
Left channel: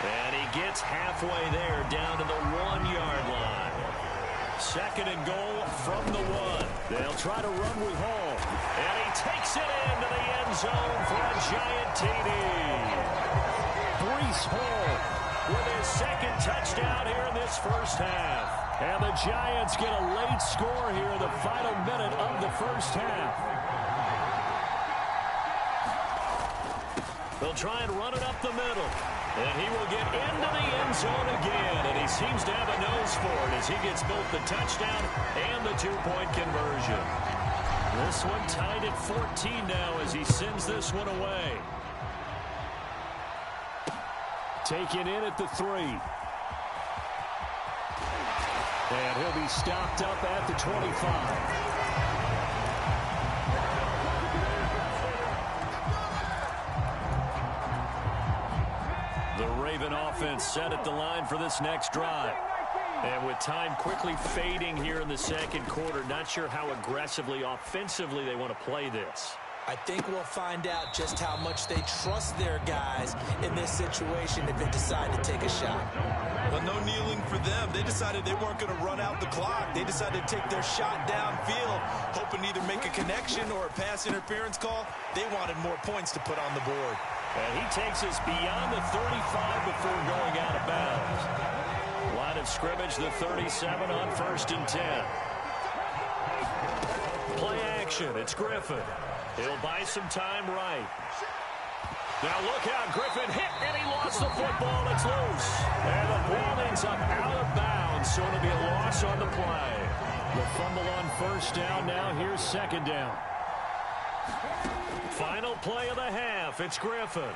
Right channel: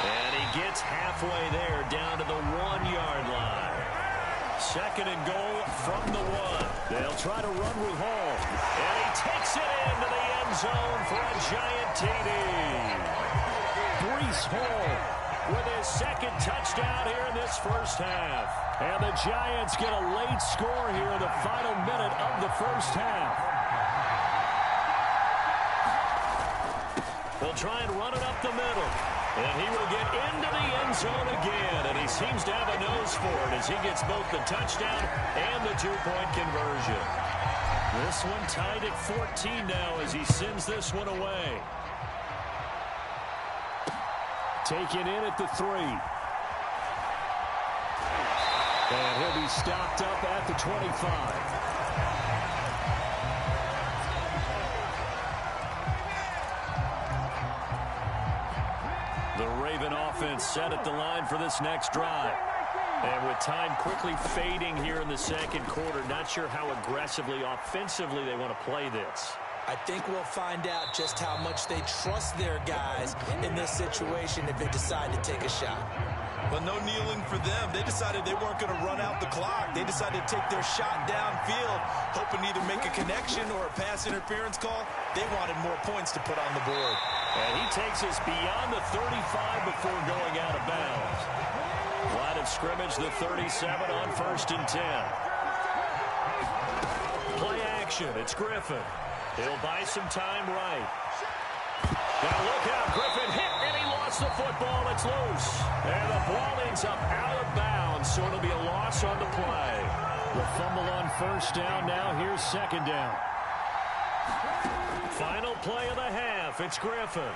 And he gets halfway there, down to the 1-yard line. 2nd and goal from the 1. They'll try to run with Hall. And he takes it into the end zone for a giant TD. Breece Hall with his 2nd touchdown here in this first half. And the Giants get a late score here in the final minute of the first half. They'll try and run it up the middle. And he will get into the end zone again. And he seems to have a nose for it as he gets both the touchdown and the 2-point conversion. This one tied at 14 now as he sends this one away. Taken in at the 3. And he'll be stopped up at the 25. The Raven offense set at the line for this next drive. And with time quickly fading here in the second quarter, not sure how aggressively, offensively they want to play this. I think we'll find out just how much they trust their guys in this situation if they decide to take a shot. Well, no kneeling for them. They decided they weren't going to run out the clock. They decided to take their shot downfield, hoping to either make a connection or a pass interference call. They wanted more points to put on the board. And he takes us beyond the 35 before going out of bounds. Line of scrimmage, the 37 on 1st and 10. Play action. It's Griffin. He'll buy some time right. Now look out. Griffin hit, and he lost the football. It's loose. And the ball ends up out of bounds, so it'll be a loss on the play. The fumble on 1st down. Now here's 2nd down. Final play of the half. It's Griffin.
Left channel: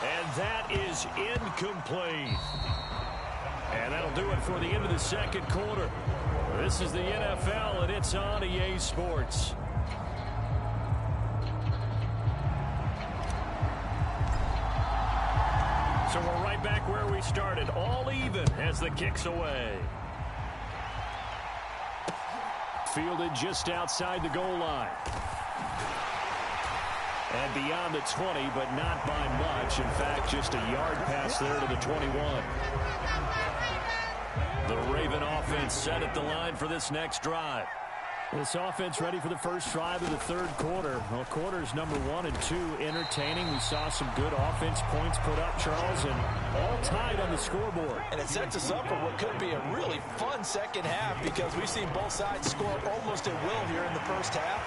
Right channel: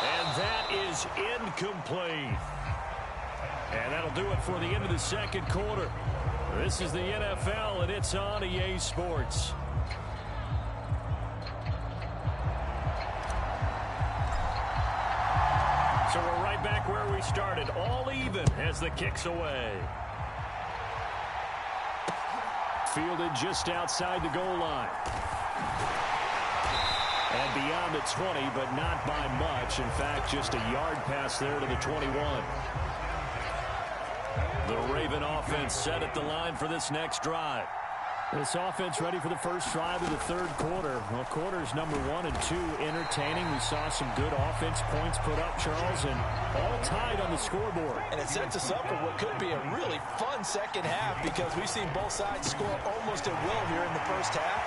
And that is incomplete. And that'll do it for the end of the 2nd quarter. This is the NFL, and it's on EA Sports. So we're right back where we started, all even as the kick's away. Fielded just outside the goal line. And beyond the 20, but not by much. In fact, just a yard pass there to the 21. The Raven offense set at the line for this next drive. This offense ready for the first drive of the 3rd quarter. Well, quarters number 1 and 2 entertaining. We saw some good offense points put up, Charles, and all tied on the scoreboard. And it sets us up for what could be a really fun second half because we've seen both sides score almost at will here in the first half.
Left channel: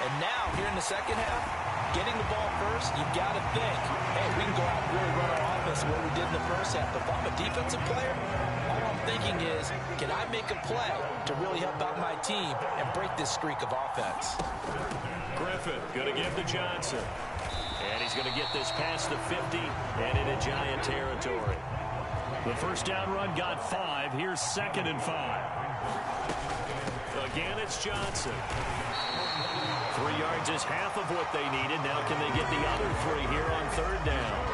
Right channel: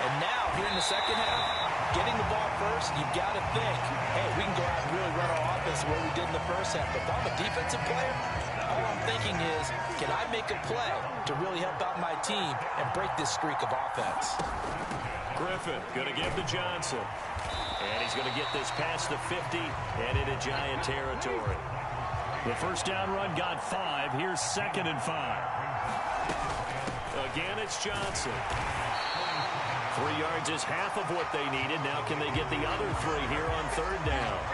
And now, here in the second half, getting the ball first, you've got to think, hey, we can go out and really run our offense the way we did in the first half. But if I'm a defensive player, all I'm thinking is, can I make a play to really help out my team and break this streak of offense? Griffin going to give to Johnson. And he's going to get this past the 50 and into Giant territory. The first down run got 5. Here's 2nd and 5. Again, it's Johnson. 3 yards is half of what they needed. Now can they get the other 3 here on 3rd down?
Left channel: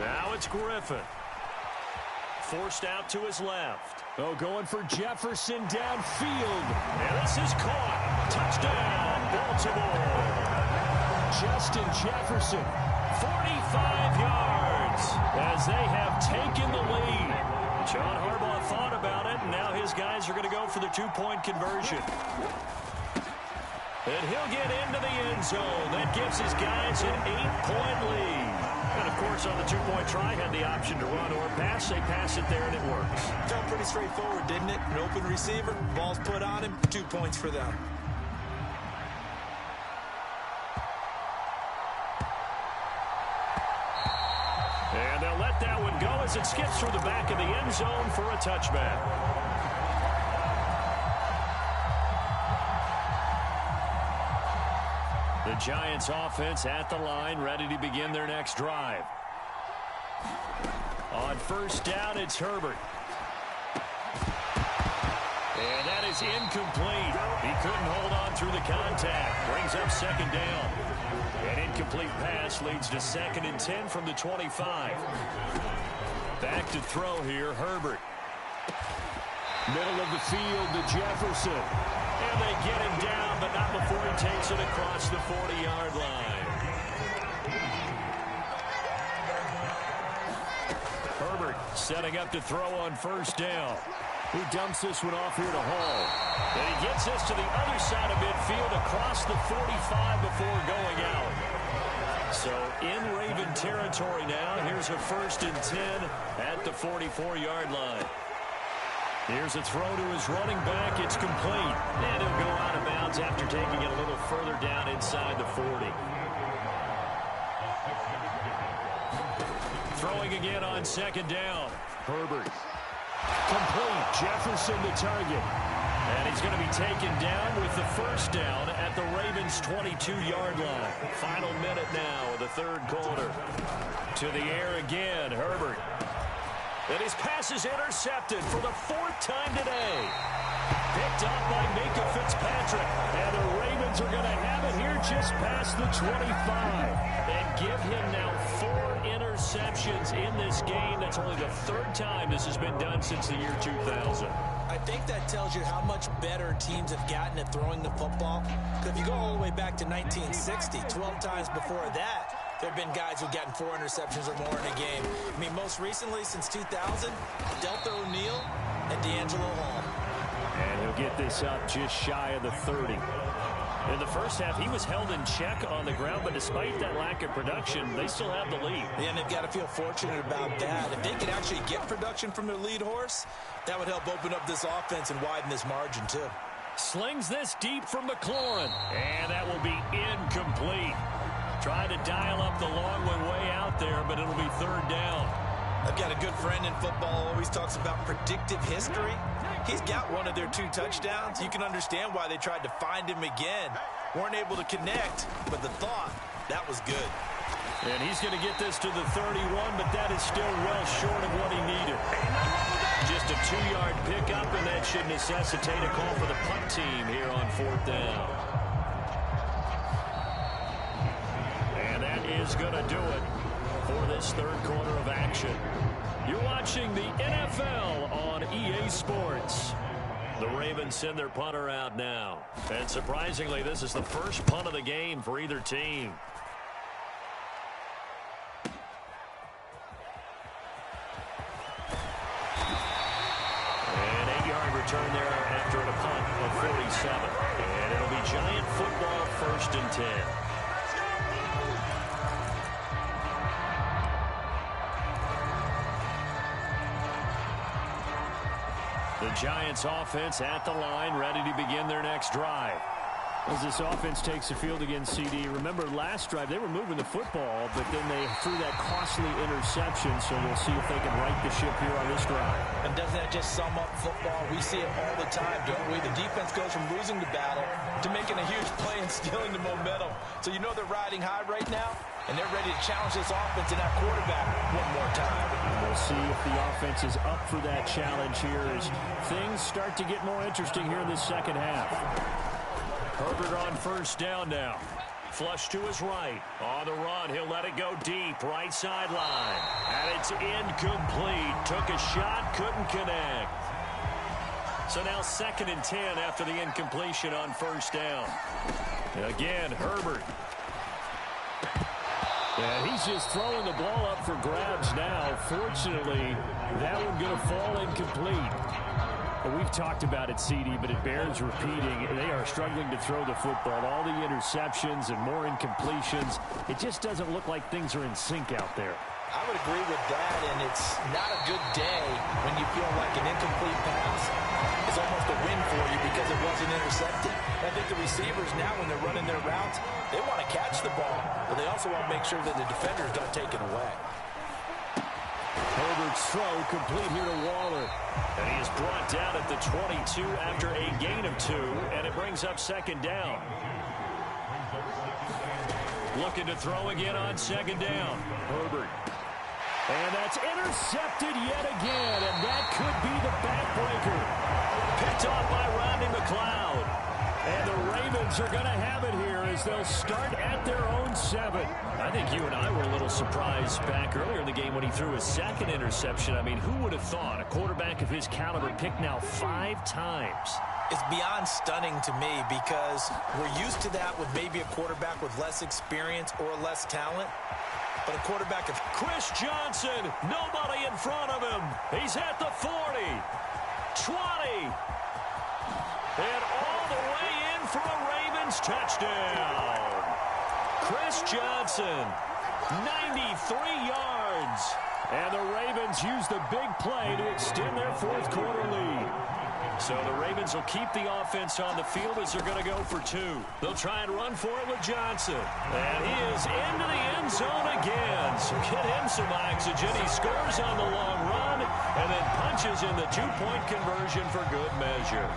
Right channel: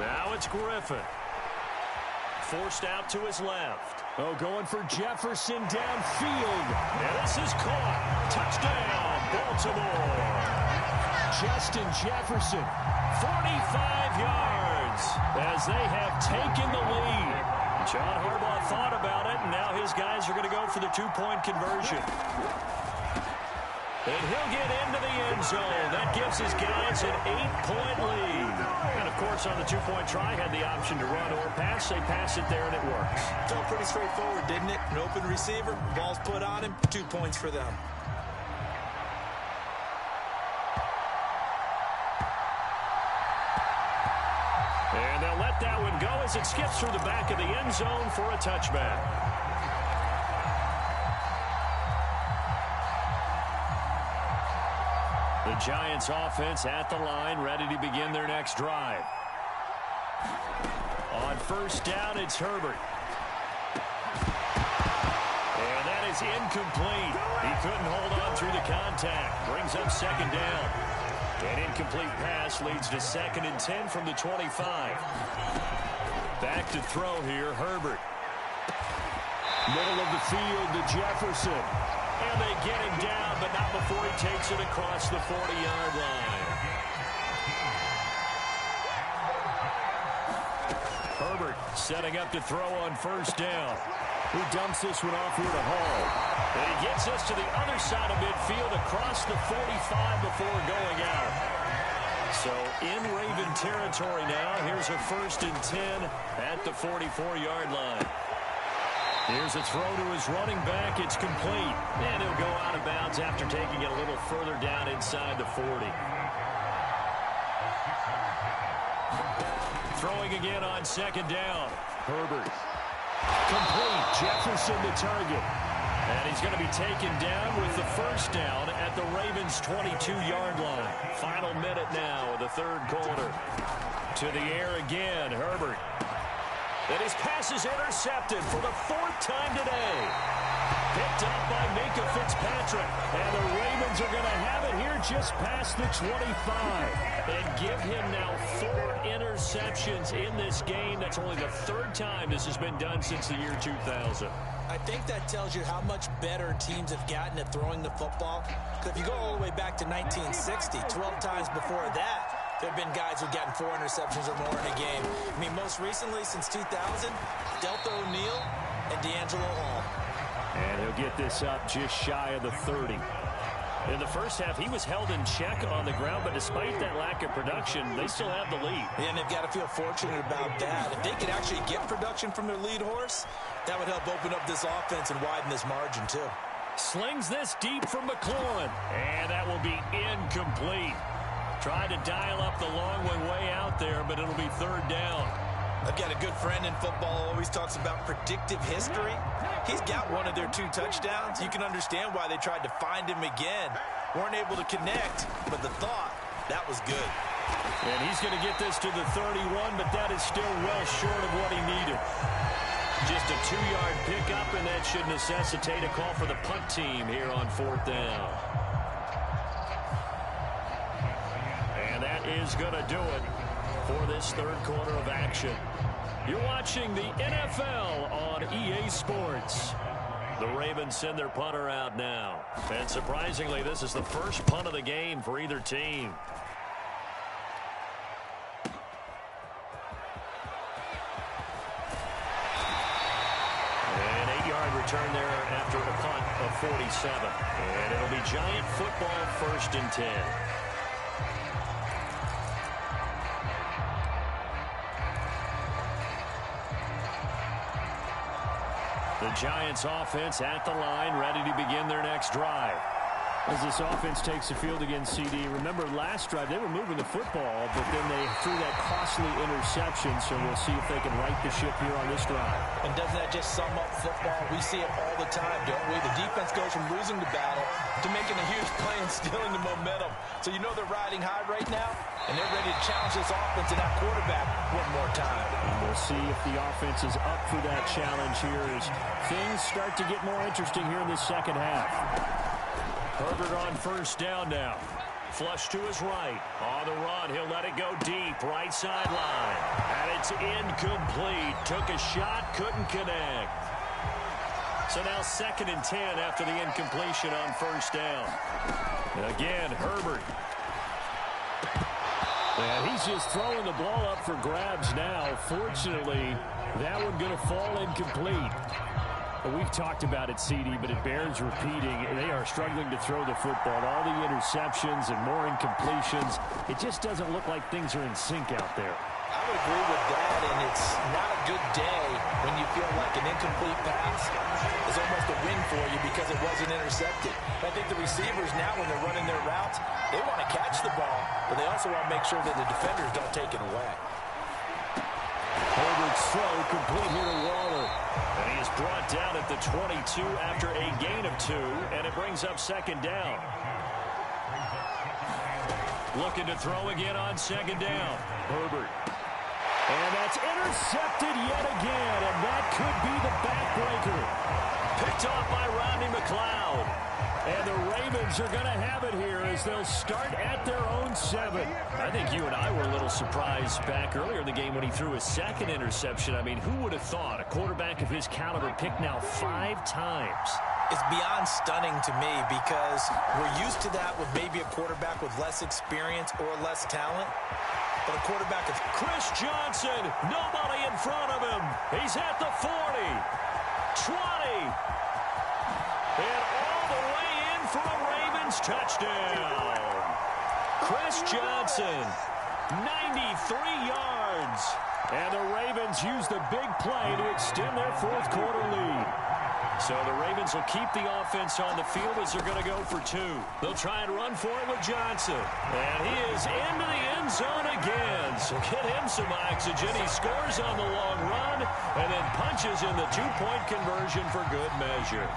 Now it's Griffin. Forced out to his left. Oh, going for Jefferson downfield. And this is caught. Touchdown, Baltimore. Justin Jefferson. 45 yards as they have taken the lead. John Harbaugh thought about it, and now his guys are going to go for the 2-point conversion. And he'll get into the end zone. That gives his guys an 8-point lead. And, of course, on the 2-point try, had the option to run or pass. They pass it there, and it works. Felt pretty straightforward, didn't it? An open receiver, ball's put on him, 2 points for them. And they'll let that one go as it skips through the back of the end zone for a touchback. The Giants offense at the line, ready to begin their next drive. On 1st down, it's Herbert. And that is incomplete. He couldn't hold on through the contact. Brings up 2nd down. An incomplete pass leads to 2nd and 10 from the 25. Back to throw here, Herbert. Middle of the field to Jefferson. And they get him down, but not before he takes it across the 40-yard line. Herbert setting up to throw on 1st down. He dumps this one off here to Hall. And he gets us to the other side of midfield across the 45 before going out. So in Raven territory now. Here's a 1st and 10 at the 44-yard line. Here's a throw to his running back. It's complete. And he'll go out of bounds after taking it a little further down inside the 40. Throwing again on 2nd down. Herbert. Complete. Jefferson the target. And he's going to be taken down with the 1st down at the Ravens' 22-yard line. Final minute now of the 3rd quarter. To the air again, Herbert. And his pass is intercepted for the 4th time today. Picked up by Minka Fitzpatrick. And the Ravens are going to have it here just past the 25. And give him now 4 interceptions in this game. That's only the 3rd time this has been done since the year 2000. I think that tells you how much better teams have gotten at throwing the football. Because if you go all the way back to 1960, 12 times before that, there have been guys who've gotten 4 interceptions or more in a game. I mean, most recently, since 2000, Delta O'Neal and D'Angelo Hall. And he'll get this up just shy of the 30. In the first half, he was held in check on the ground, but despite that lack of production, they still have the lead. Yeah, and they've got to feel fortunate about that. If they could actually get production from their lead horse, that would help open up this offense and widen this margin too. Slings this deep from McLaurin, and that will be incomplete. Tried to dial up the long one way out there, but it'll be third down. I've got a good friend in football who always talks about predictive history. He's got one of their 2 touchdowns. You can understand why they tried to find him again. Weren't able to connect, but the thought, that was good. And he's going to get this to the 31, but that is still well short of what he needed. Just a 2-yard pickup, and that should necessitate a call for the punt team here on 4th down. And that is going to do it for this third quarter of action. You're watching the NFL on EA Sports. The Ravens send their punter out now. And surprisingly, this is the first punt of the game for either team. An 8-yard return there after a punt of 47. And it'll be Giant football, 1st and 10. The Giants offense at the line, ready to begin their next drive. As this offense takes the field against CD, remember last drive they were moving the football, but then they threw that costly interception, so we'll see if they can right the ship here on this drive. And doesn't that just sum up football? We see it all the time, don't we? The defense goes from losing the battle to making a huge play and stealing the momentum. So you know they're riding high right now, and they're ready to challenge this offense and that quarterback one more time. And we'll see if the offense is up for that challenge here as things start to get more interesting here in this second half. Herbert on 1st down now. Flush to his right. On the run, he'll let it go deep. Right sideline. And it's incomplete. Took a shot, couldn't connect. So now 2nd and 10 after the incompletion on 1st down. Again, Herbert. And he's just throwing the ball up for grabs now. Fortunately, that one going to fall incomplete. Well, we've talked about it, CD, but it bears repeating. They are struggling to throw the football. All the interceptions and more incompletions. It just doesn't look like things are in sync out there. I would agree with that, and it's not a good day when you feel like an incomplete pass is almost a win for you because it wasn't intercepted. I think the receivers now, when they're running their routes, they want to catch the ball, but they also want to make sure that the defenders don't take it away. Herbert's throw complete here to Waller. And he is brought down at the 22 after a gain of 2, and it brings up 2nd down. Looking to throw again on 2nd down. Herbert. And that's intercepted yet again, and that could be the backbreaker. Picked off by Rodney McLeod. And the Ravens are going to have it here as they'll start at their own 7. I think you and I were a little surprised back earlier in the game when he threw his 2nd interception. I mean, who would have thought a quarterback of his caliber picked now 5 times? It's beyond stunning to me because we're used to that with maybe a quarterback with less experience or less talent. But a quarterback of Chris Johnson, nobody in front of him. He's at the 40, 20, and all the way in for a Ravens touchdown. Chris Johnson, 93 yards. And the Ravens use the big play to extend their 4th quarter lead. So the Ravens will keep the offense on the field as they're going to go for 2. They'll try and run for it with Johnson. And he is into the end zone again. So get him some oxygen. He scores on the long run and then punches in the 2-point conversion for good measure.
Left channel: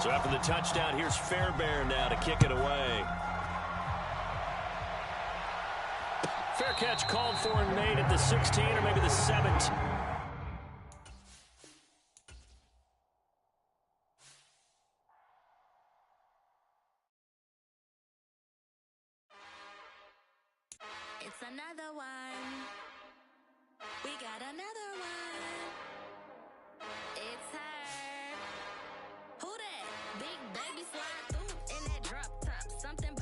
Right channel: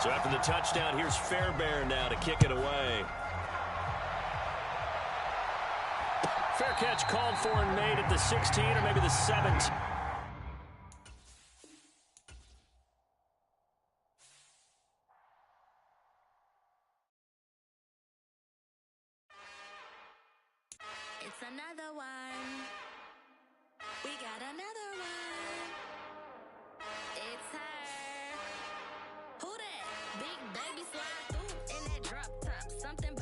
So after the touchdown, here's Fairbairn now to kick it away. Fair catch called for and made at the 16 or maybe the 17. It's another one. We got another one. It's her. Who that? Big baby slide through in that drop top. Something